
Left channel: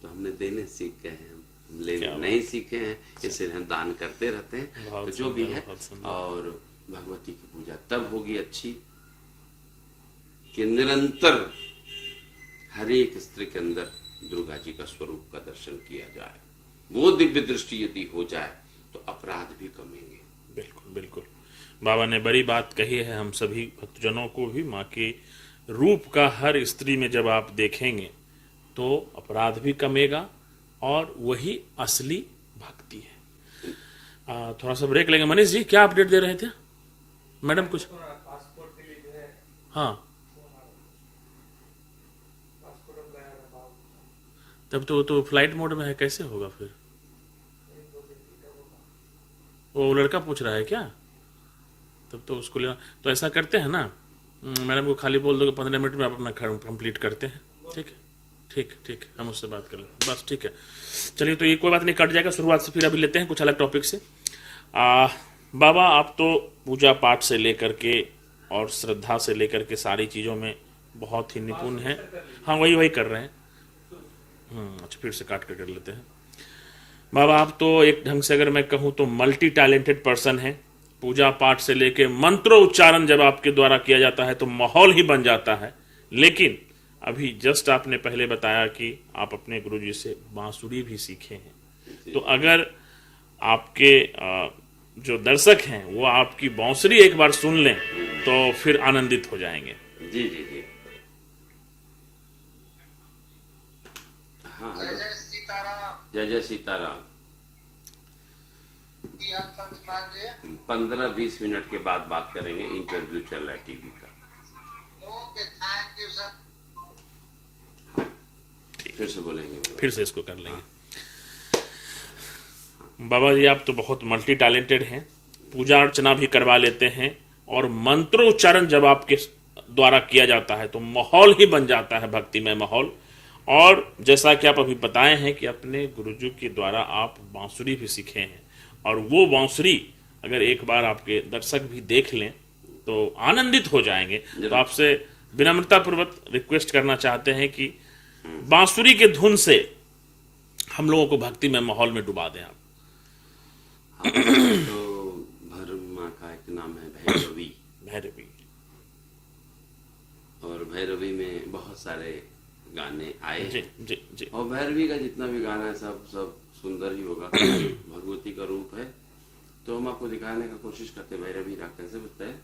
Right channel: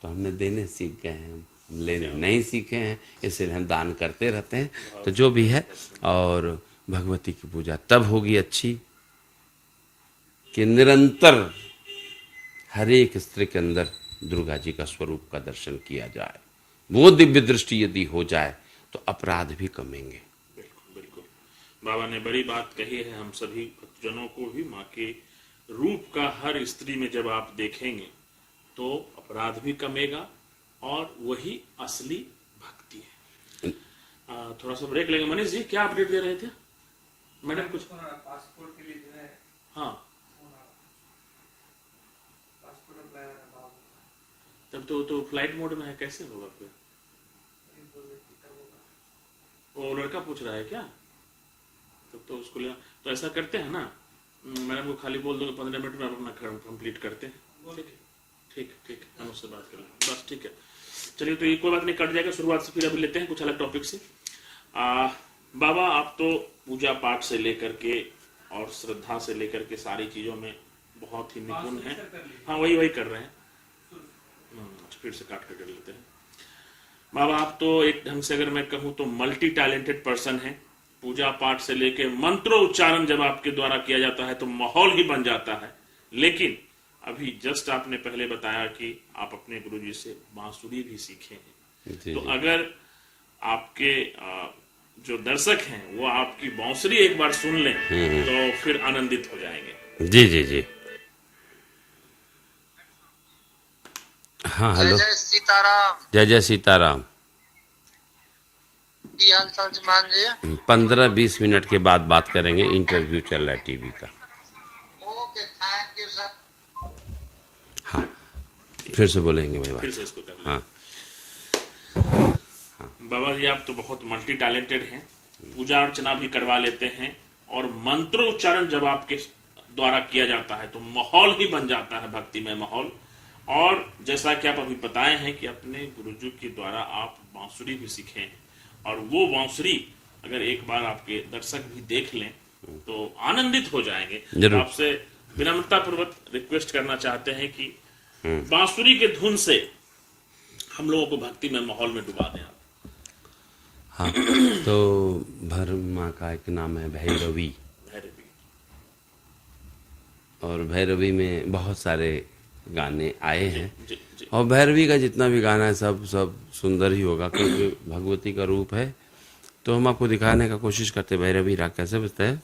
तो हमने देने सीख गए हैं, हम लेने नहीं सीखे हैं, इसलिए हम दान करते रहते हैं। तो जो भी है, और भगवती की पूजा तब होगी अच्छी कि निरंतर हर एक स्त्री के अंदर दुर्गा जी का स्वरूप का दर्शन किया जाए। वो दिव्य दृष्टि यदि हो जाए तो अपराध भी कमेंगे। बिल्कुल बिल्कुल, बाबा ने बड़ी बात कही है। हम सभी भक्तजनों को भी माँ के रूप का हर स्त्री में जब आप देखेंगे तो अपराध भी कमेगा और वही असली भक्ति है। थोड़ा सा ब्रेक लेंगे। मनीष जी क्या अपडेट दे रहे थे मैडम? कुछ पासपोर्ट के लिए जो है, हाँ, तब तो फ्लाइट मोड में है, कैसे होगा फिर? वो लड़का पूछ रहा है क्या? तब तो उसको लेना। तो ऐसा करते हैं ना, मैडम को खाली बोल दो कि 15 मिनट में आप अपना कंप्लीट करते हैं। ठीक है, ठीक ठीक, हम उससे बात कर लें बस। ठीक है, चलिए, तो ये कोई बात नहीं, कट जाएगा। शुरुआत से फिर अभी लेते हैं कुछ अलग टॉपिक से। बाबा, आप तो पूजा पाठ से लेकर के और श्रद्धा से लेकर के सारी चीजों में बहुत ही निपुण हैं। हाँ, वही कर रहे हैं। अच्छा, फिर से काट कर लेते हैं। बाबा, आप तो एक ढंग से अगर मैं कहूं तो मल्टी टैलेंटेड पर्सन है। पूजा पाठ से लेके मंत्रोच्चारण जब आपके द्वारा किया जाता है तो माहौल ही बन जाता है। लेकिन अभी जस्ट आपने पहले बताया कि आप अपने गुरुजी से बांसुरी भी सीखे हैं। तो अगर आपके जो दर्शक हैं वो आपकी बांसुरी एक बार सुन लें तो फिर आनंदित हो जाएंगे। जी जी जी, हाँ, हेलो, जय सीताराम। जय जय सीताराम। 15-20 मिनट के बाद बात करेंगे, इंटरव्यू चल रहा है टीवी का। Okay, thank you sir. हाँ, फिर से बोलेंगे भाई, फिर से इसको कर लें। हाँ। बाबा जी, आप तो बहुत मल्टी टैलेंटेड हैं, पूजा अर्चना भी करवा लेते हैं और मंत्रोच्चारण जब आपके द्वारा किया जाता है तो माहौल ही बन जाता है भक्तिमय माहौल। और जैसा कि आप अभी बताए हैं कि अपने गुरुजी के द्वारा आप बांसुरी भी सीखे हैं, और वो बांसुरी अगर एक बार आपके दर्शक भी देख लें तो आनंदित हो जाएंगे। तो आपसे विनम्रता पूर्वक रिक्वेस्ट करना चाहते हैं कि बांसुरी के धुन से हम लोगों को भक्ति में माहौल में डुबा दें आप। हाँ, तो भरमा का एक नाम है भैरवी, भैरवी, और भैरवी में बहुत सारे गाने आए जी हैं। जी जी। और भैरवी का जितना भी गाना है सब सब सुंदर ही होगा, क्योंकि भगवती का रूप है। तो हम आपको दिखाने का कोशिश करते हैं भैरवी राग कैसे बजता है।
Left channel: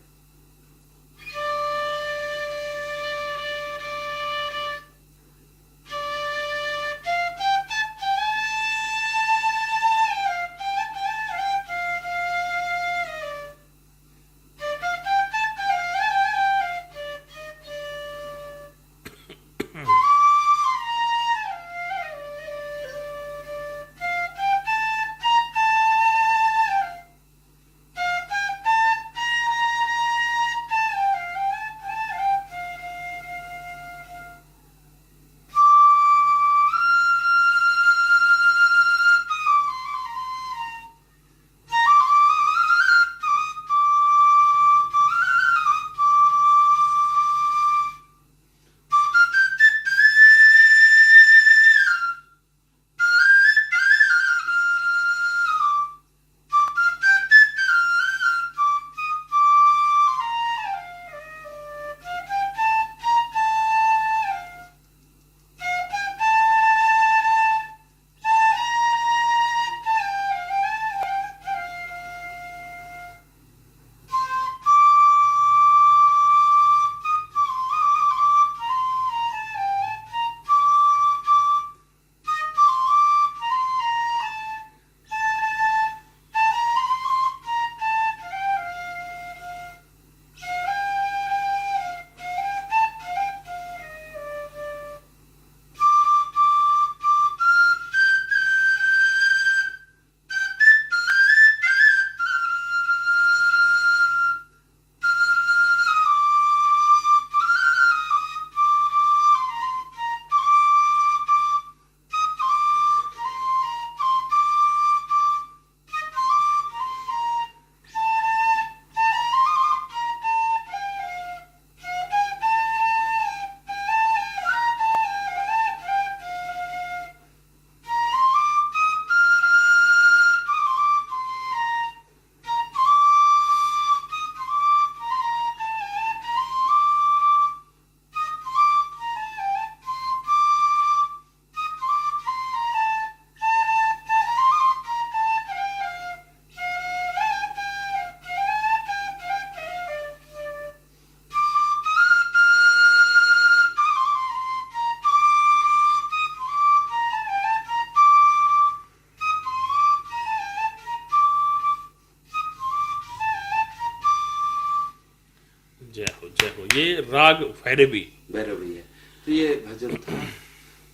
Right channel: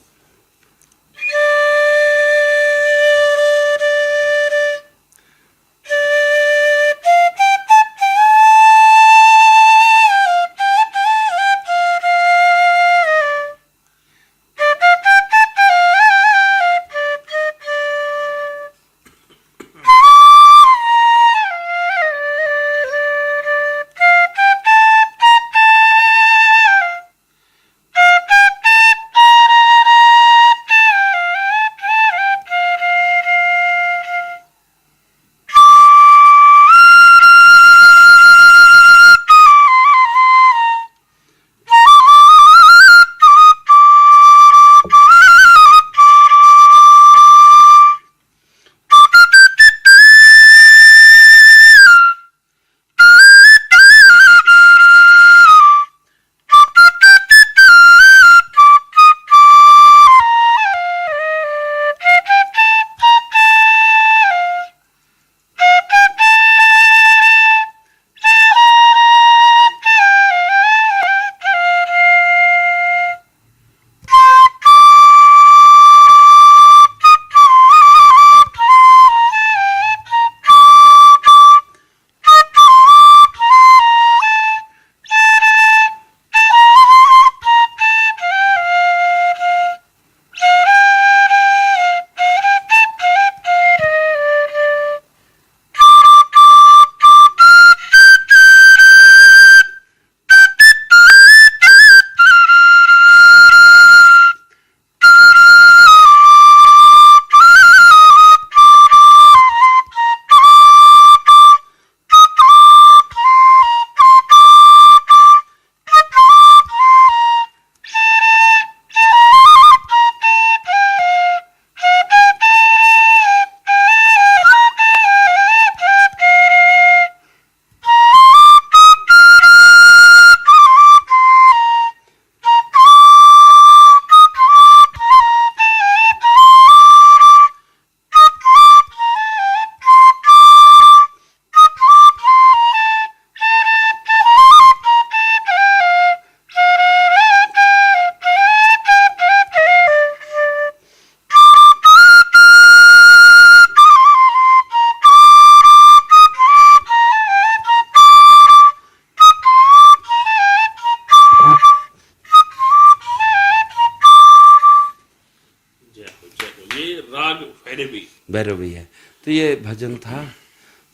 राग भैरवी। भैरवी है। तो ये भजन था,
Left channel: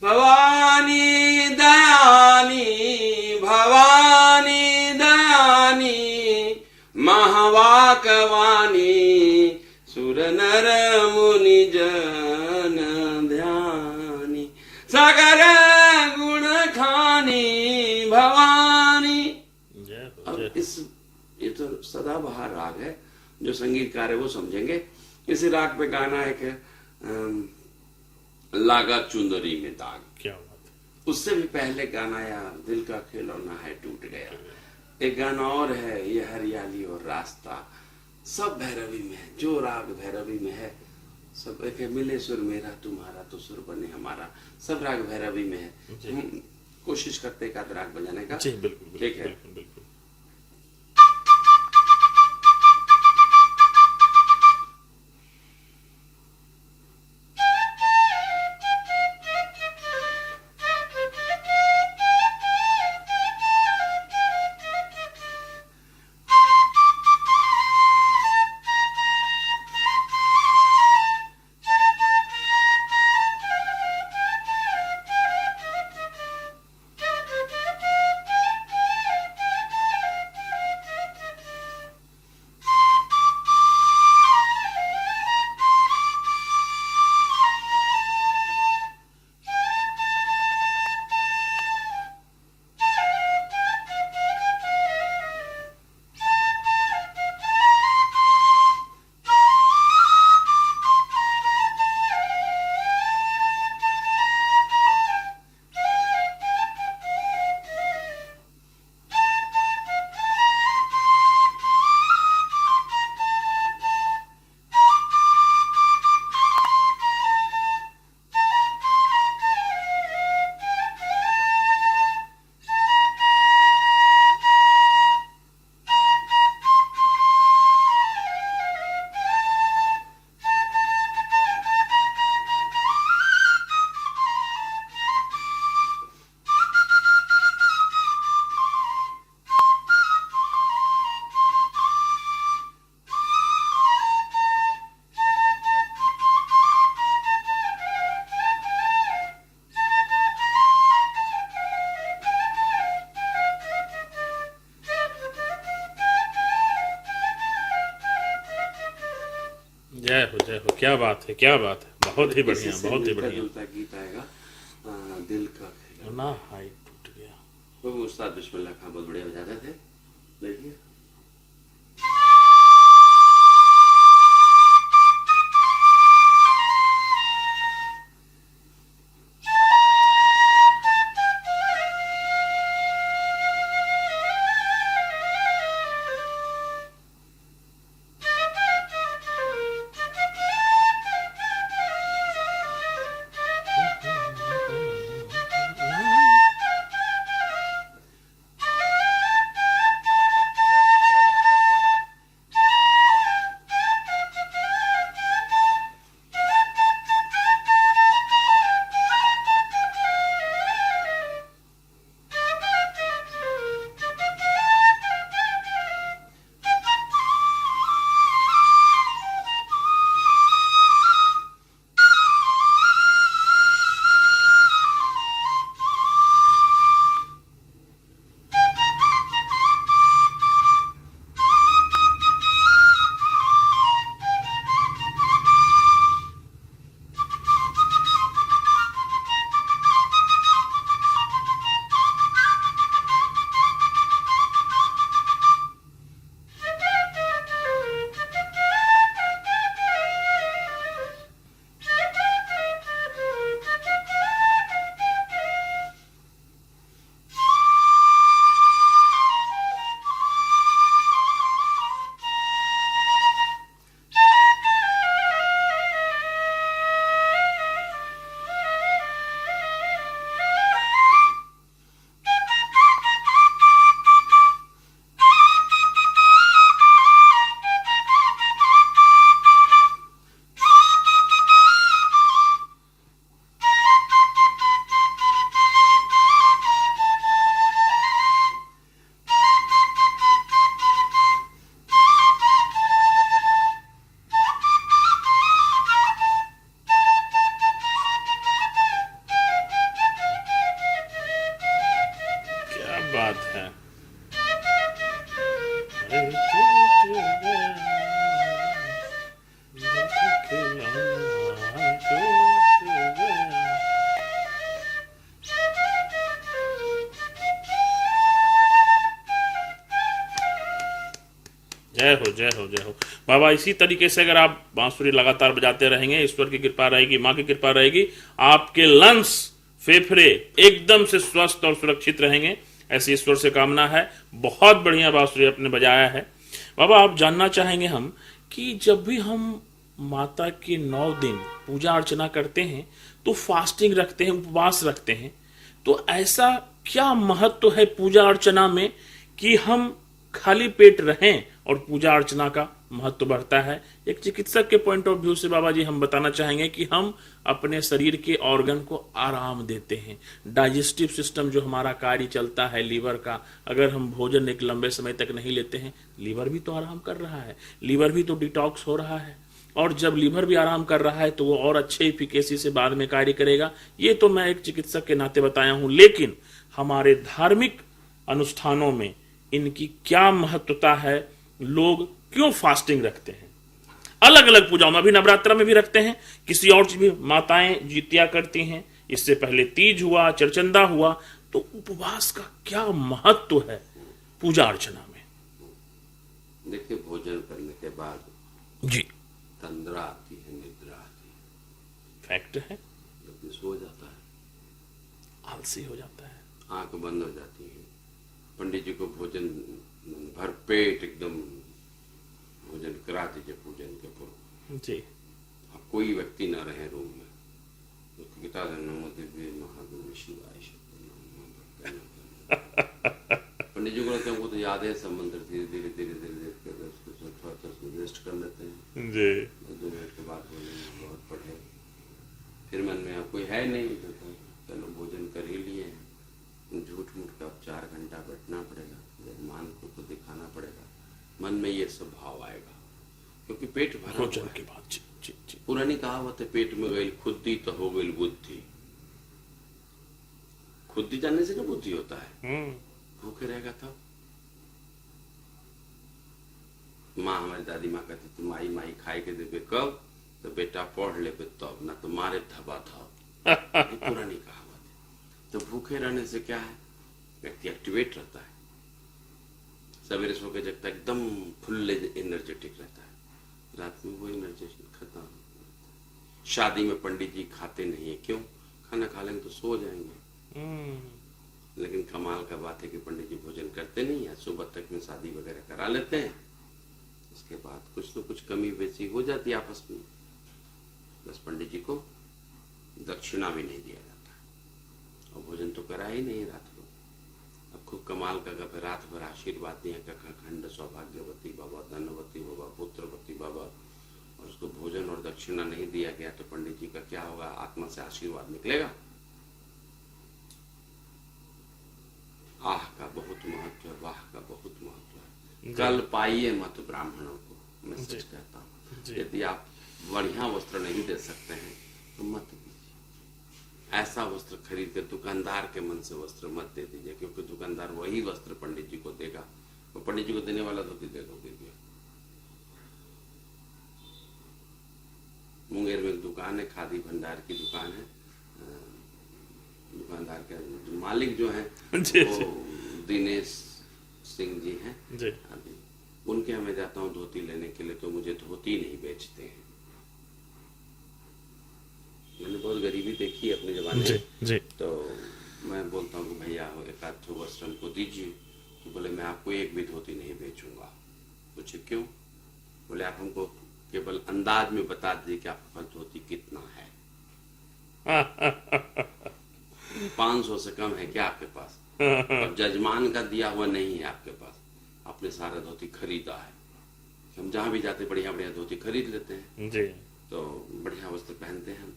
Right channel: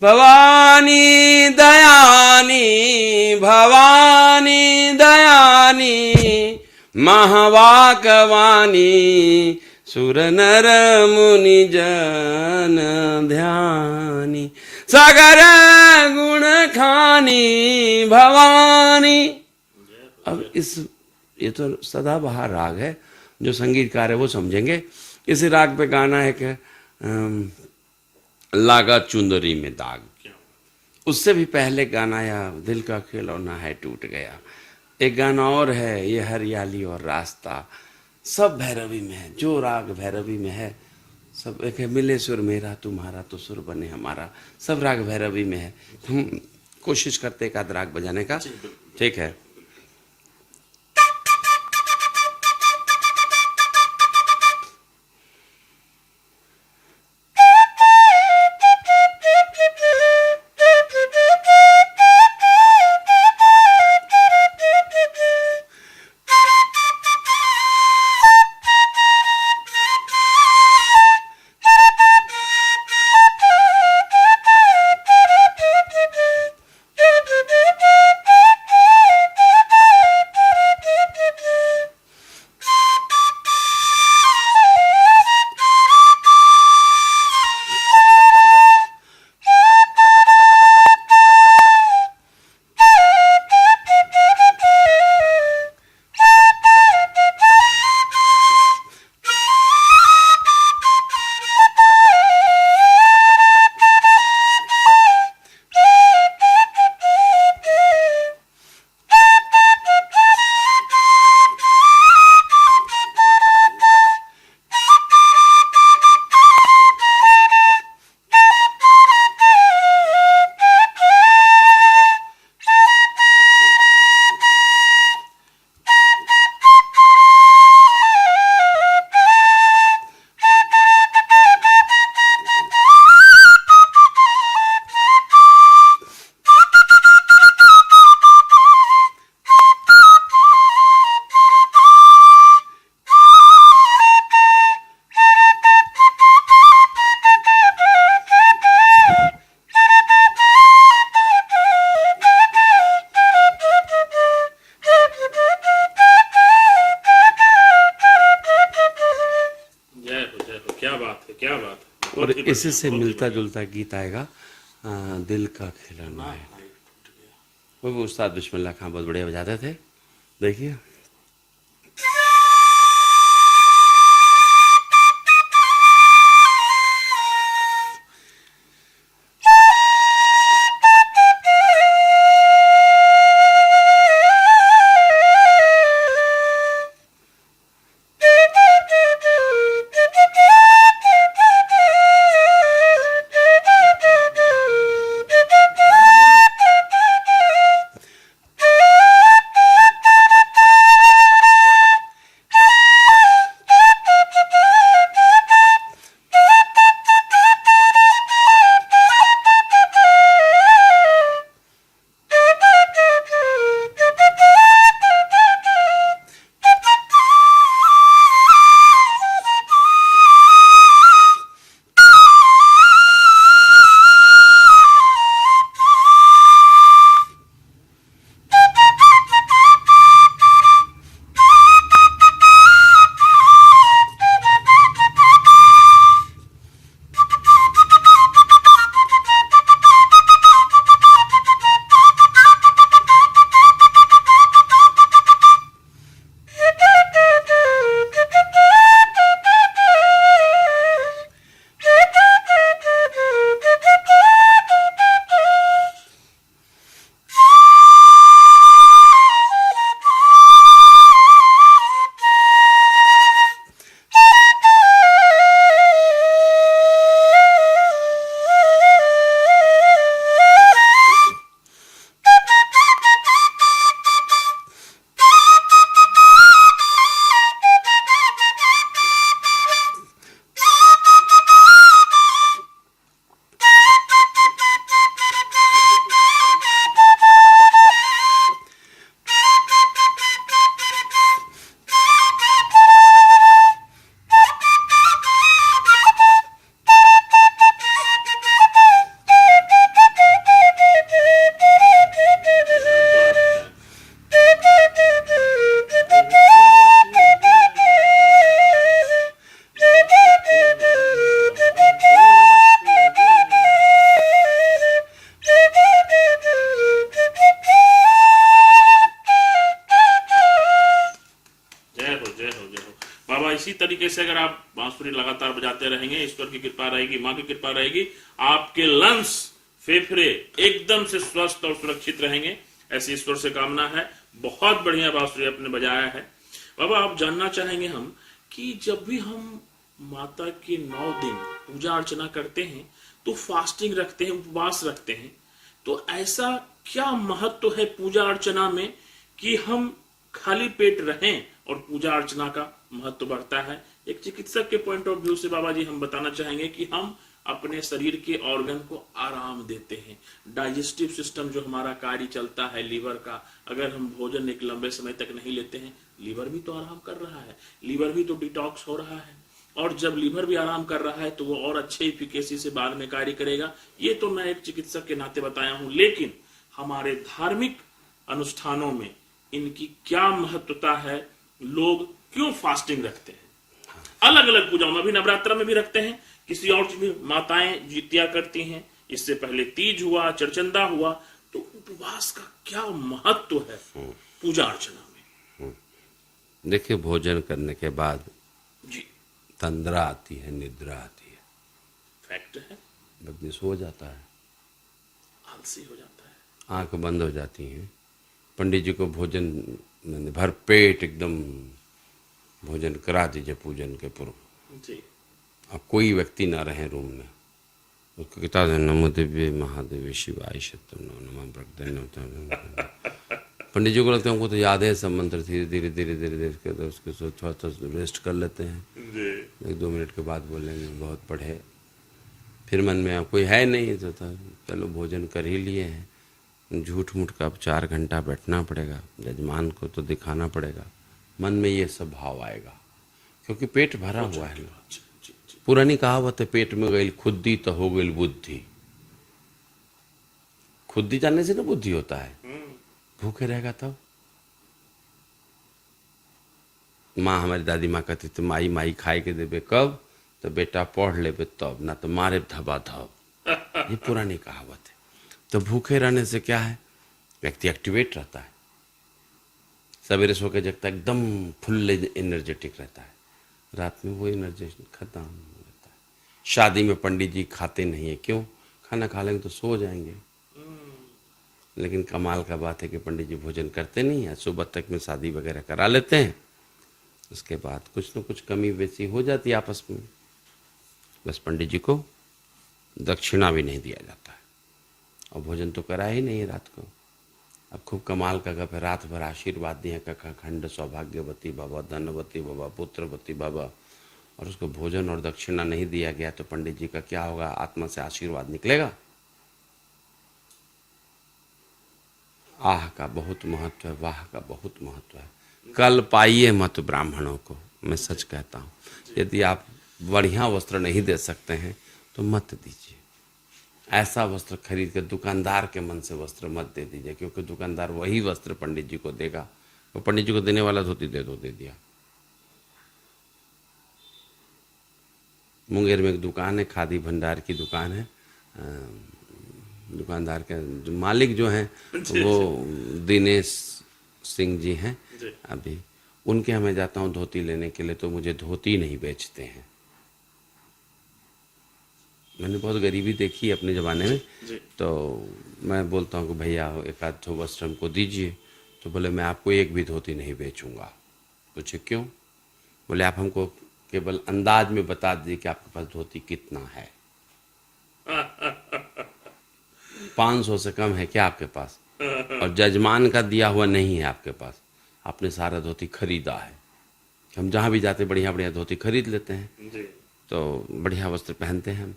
भवानी दयानी भवानी दयानी महावाकवानी सुर नर मुनि जन ध्यानी सागर गुण खानी भवानी। अब ये तो सदाबहार राग है, जो संगीतकार है वो समझेंगे। इस राग पे गाना है कि लागा चुंदरी में दाग। क्या बात। उससे भी पहले गाना या दिल का खिलौना है टूट गया। एक गाना और है, ये हरियाली और रास्ता। सब भैरवी में है, जो राग भैरवी में है सब। एक है मिले सुर मेरा तुम्हारा तो सुर बने हमारा, सब राग भैरवी में है। हम कोशिश करते एक आध राग बजाने का, ठीक है। क्या बात है, क्या बात है, बहुत ही इसी बढ़िया, से बहुत ही मिलता बढ़िया। जुलता गीत आएगा, दिल का खिलौना ना है। हाई टूट गया। वो भी उस्ताद बिस्मिल्लाह खां बहुत बढ़िया बजाते थे। देखिए क्या बात है। जय हो, जय हो, जय हो बाबा। इसी तरीके से अगर आप बांसुरी लगातार बजाते रहेंगे, ईश्वर की कृपा रहेगी, माँ की कृपा रहेगी, आपके लंग्स, फेफड़े एकदम से स्वस्थ और सुरक्षित रहेंगे, ऐसी ईश्वर से कामना है। बहुत बढ़िया बांसुरी आपने बजाया है बाबा। आप जानना चाहेंगे हम कि जब भी हम माता के 9 दिन पूजा अर्चना करते हैं तो फास्टिंग रखते हैं, उपवास रखते हैं, तो ऐसा क्या महत्व है पूजा अर्चना में कि हम खाली पेट रहें और पूजा अर्चना का महत्व बढ़ता है? एक चिकित्सक के पॉइंट ऑफ व्यू से बाबा जी हम बताना चाहेंगे कि हम अपने शरीर के ऑर्गन को आराम देते हैं। डाइजेस्टिव सिस्टम जो हमारा कार्य चलता है लीवर का, अगर हम भोजन एक लंबे समय तक नहीं लेते हैं, लीवर भी तो आराम कर रहा है, लीवर भी तो डिटॉक्स हो रहा है, और जब लीवर भी आराम कर रहा है तो वो और अच्छे इफिकेसी से बाद में कार्य करेगा। ये तो मैं एक चिकित्सक के नाते बताया हूं, लेकिन हमारे धार्मिक अनुष्ठानों में इनकी क्या महत्वता है? लोग क्यों फास्टिंग रखते हैं? अलग अलग पूजाओं में, अभी नवरात्र में भी रखते हैं, किसी और चीज भी माताएं जितिया करती हैं, इससे पहले तीज हुआ, चरचंदा हुआ, तो उपवास का क्या महत्व है पूजा अर्चना में? देखिए, भोजन करने के बाद जी, तंद्रा आती है, निद्रा आती है, फैक्ट है, व्यक्ति सो जाता है, आलसी हो जाता है, आंख बंद हो जाती है। पंडित जी को भोजन भर पेट एकदम भोजन करा दीजिए पूजन के पूर्व, जी, अब कोई व्यक्ति ना रहे रूम में, उसको किता दे नमो दिव्य महादेवी शिवाय शतम नमः प्रगटे नमः। पंडित जी को लगता है हमको तो याद है सब मंत्र, धीरे धीरे धीरे धीरे धीरे करके उसके थोड़ा थोड़ा रेस्ट कर लेते हैं, जी, 1-2 मिनट के बाद बोलेंगे बहुत पढ़े, फिर मन में अब कोई है नहीं तो चलो भोजन कर ही लिए हैं, झूठ मूठ का अब 4 घंटा बैठना पड़ेगा, यजमान को तो दिखाना पड़ेगा, मन में ये सब भाव आएगा, क्योंकि पेट भरा हुआ है। जी, जी, जी, पुरानी कहावत है, पेट में गई खुद्दी तो हो गई बुद्धि। खुद्दी जानने से ना बुद्धि होता है, भूखे रहेगा तब। माँ, हमारी दादी माँ कहती थी माई माई खाए के देवे कब, तो बेटा पढ़ लेबे तब, ना तो मारे धबा धब। ये पुरानी कहावत है। तो भूखे रहने से क्या है, व्यक्ति एक्टिवेट रहता है, सवेरे सो के जगता एकदम फुल एनर्जेटिक रहता है, रात में वो एनर्जी खत्म रहता है। शादी में पंडित जी खाते नहीं है, क्यों? खाना खा लेंगे तो सो जाएंगे। लेकिन कमाल का बात है कि पंडित जी भोजन करते नहीं है, सुबह तक में शादी वगैरह करा लेते हैं, उसके बाद कुछ न कुछ कमी बेसी हो जाती है आपस में, बस पंडित जी को दक्षिणा भी नहीं दिया जाता है और भोजन तो करा ही नहीं है रात को। अब खूब कमाल का गप है, रात भर आशीर्वाद दिया कखा खंड सौभाग्यवती बाबा, धनवती बाबा, पुत्रवती बाबा, और उसको भोजन और दक्षिणा नहीं दिया गया तो पंडित जी का क्या होगा, आत्मा से आशीर्वाद निकलेगा? आह का बहुत महत्व है, वाह का बहुत महत्व है। कल पाइए मत ब्राह्मणों को, मैं सच कहता हूँ। यदि आप बढ़िया वस्त्र नहीं दे सकते हैं तो मत दीजिए। ऐसा वस्त्र खरीद कर दुकानदार के मन से वस्त्र मत दे दीजिए, क्योंकि दुकानदार वही वस्त्र पंडित जी को देगा, वो पंडित जी को देने वाला धोती दे दिया। मुंगेर में एक दुकान है, खादी भंडार की दुकान है, दुकानदार के जो मालिक जो हैं वो दिनेश सिंह जी हैं। अभी उनके यहाँ मैं जाता हूँ धोती लेने के लिए, तो मुझे धोती नहीं बेचते हैं। मैंने बहुत गरीबी देखी है अपने ज़माने में, तो मैं बोलता हूँ कि भैया एक आध ठो वस्त्र हमको दीजिए, तो बोले मैं आपको एक भी धोती नहीं बेचूंगा। पूछे क्यों? बोले आप हमको केवल अंदाज में बता दीजिए कि आपके पास धोती कितना है। 500 से कम है क्या आपके पास? और जजमान का दिया हुआ नहीं है आपके पास, आपने सारा धोती खरीदा है। हम जहाँ भी जाते बढ़िया बढ़िया धोती खरीद लेते हैं जी। तो बढ़िया वस्त्र पहनते हैं,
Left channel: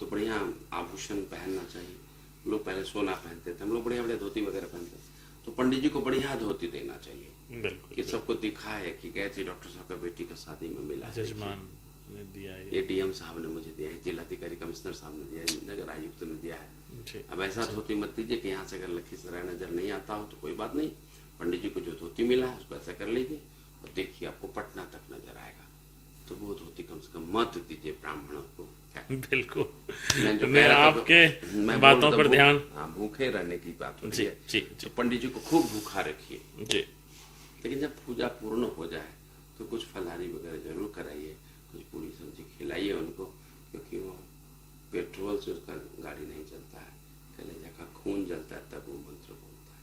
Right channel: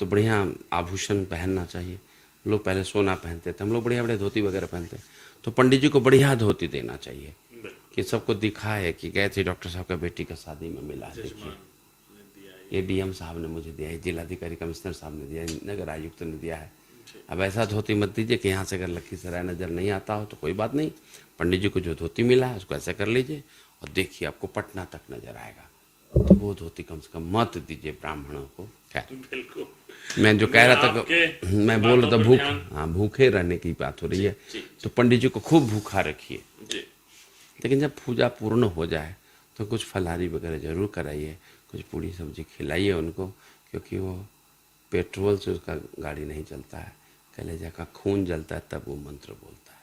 तो बढ़िया आभूषण पहनना चाहिए। लोग पहले सोना पहनते थे, हम लोग बढ़िया बढ़िया धोती वगैरह पहनते हैं, तो पंडित जी को बढ़िया धोती देना चाहिए कि सबको दिखाए कि गए थे डॉक्टर साहब का बेटी का शादी में मिला है, ये डीएम साहब ने मुझे दिया है, जिलाधिकारी कमिश्नर साहब ने दिया है, नगर आयुक्त ने दिया है। अब ऐसा धोती मत दीजिए कि यहाँ से अगर लखीसराय नजर नहीं आता हो तो कोई बात नहीं, पंडित जी को जो धोती मिला है उसको ऐसा कर लीजिए और देखिए आपको पटना तक नजर आएगा। तो वो धोती कम से कम मत दीजिए ब्राह्मणों को। क्या बिल्कुल, मैं जो कह रहा था, मैं बोल बातों पर ध्यान। हाँ, भूखे रहने की बात हो रही है, जी, तो पंडित जी को खूब भूखा रखिए। जी। लेकिन जब पूजा पूर्ण हो जाए तो कुछ फलाहारी वगैरह जरूर कराइए, कुछ पूरी सब्जी खिलाइए उनको, क्योंकि वो पेट्रोल से उसका गाड़ी नहीं चलता है, कलेजा का खून जलता है तब वो मंत्र बोलता है।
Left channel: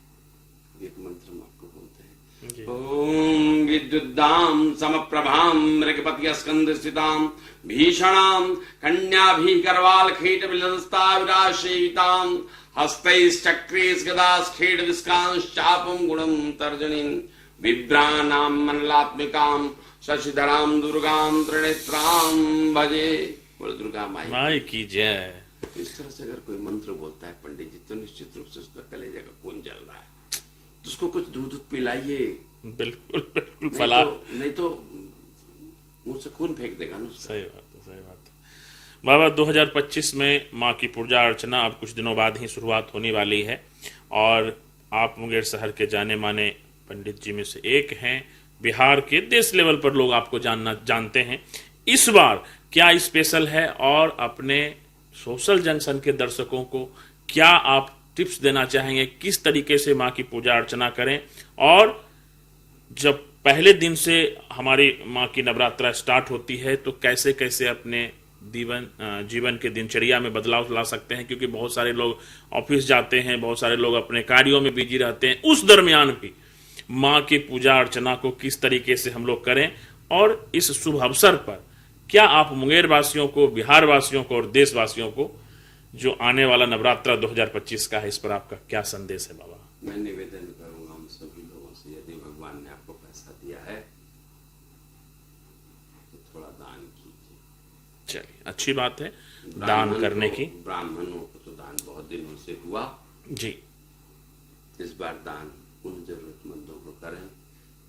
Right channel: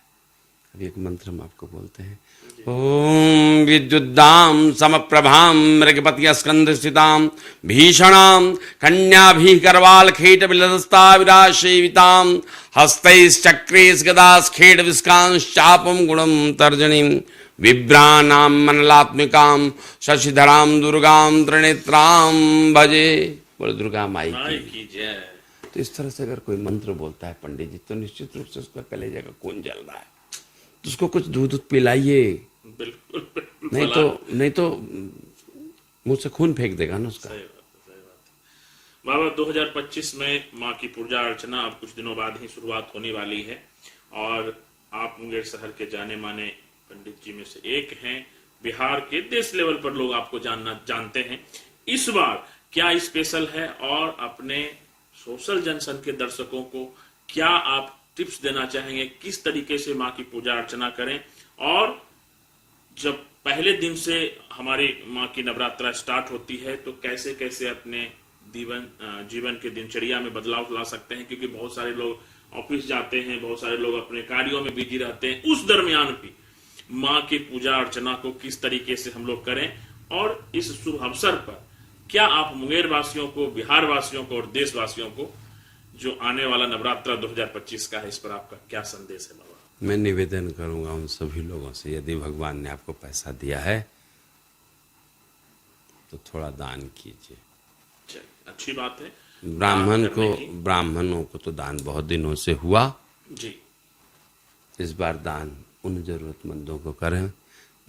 अभी एक मंत्र हम आपको बोलते हैं, ओम विद्युद्दाम समप्रभाम मृगपति स्कंद स्थिताम भीषणाम कन्याभि करवाल खेट विलदस्ता विरासेविताम हस्तैश्चक्रेश गदास खेट विस्कांश चापम गुणम तर्जनीम विभ्रानाम मनलात्मिकाम शशिधराम दुर्गाम त्रिनेत्राम भजे। बोले दुर्गा माई की जय। तो इस तरह से अगर कोई मंत्र बोलता है पंडित जी, तो निश्चित रूप से उसका कलेजा का खून जल रहा है, तो उसको कुछ दूध पिलाइए। बिल्कुल, नहीं तो मुंह से खून फेंक देगा ना उसका। सही बात है, सही बात है। बाबा 2025 में माँ की पूजा अर्चना अब कुछ दिनों बाद ही शुरुआत होने वाली है, और आप मुंगेर शहर के जाने माने पंडित जी में से एक हैं। बिहार के देश लेवल पर लोग आपको जानते हैं। इस बार क्या स्पेशल है, और अपने सोशल जंक्शन के दर्शकों को क्या आप टिप्स देना चाहेंगे, किस तरीके से माँ की पूजा अर्चना करें, और जब पहले दिन से हमारी माँ की नवरात्रा स्टार्ट होती है तो कैसे कैसे अपने जीवन के दिनचर्या में बदलाव ला सकते हैं, क्योंकि बहुत सारे लोग ऑफिस जाते हैं, बहुत सारे लोग अपने कार्यों में बिजी रहते हैं। उस दरमियान भी माँ की पूजा अर्चना को किस तरीके से हम लोग करें, और इस शुभ अवसर पर क्या आप मुंगेर वासियों को, बिहार वासियों को और देशवासियों को, जो आने वाला नवरात्रा 2025 का है, इस पर आपका क्या संदेश है बाबा? मैं निवेदन करूंगा उन सभी लोगों से, यदि भगवान ने आपको पैसा दिया है तो थोड़ा दान कीजिए। चलिए, अच्छी बात है। ब्राह्मणों को तो दान बहुत दिनों से हुआ जी। इस बार दान उन जरूरतमंदों को करें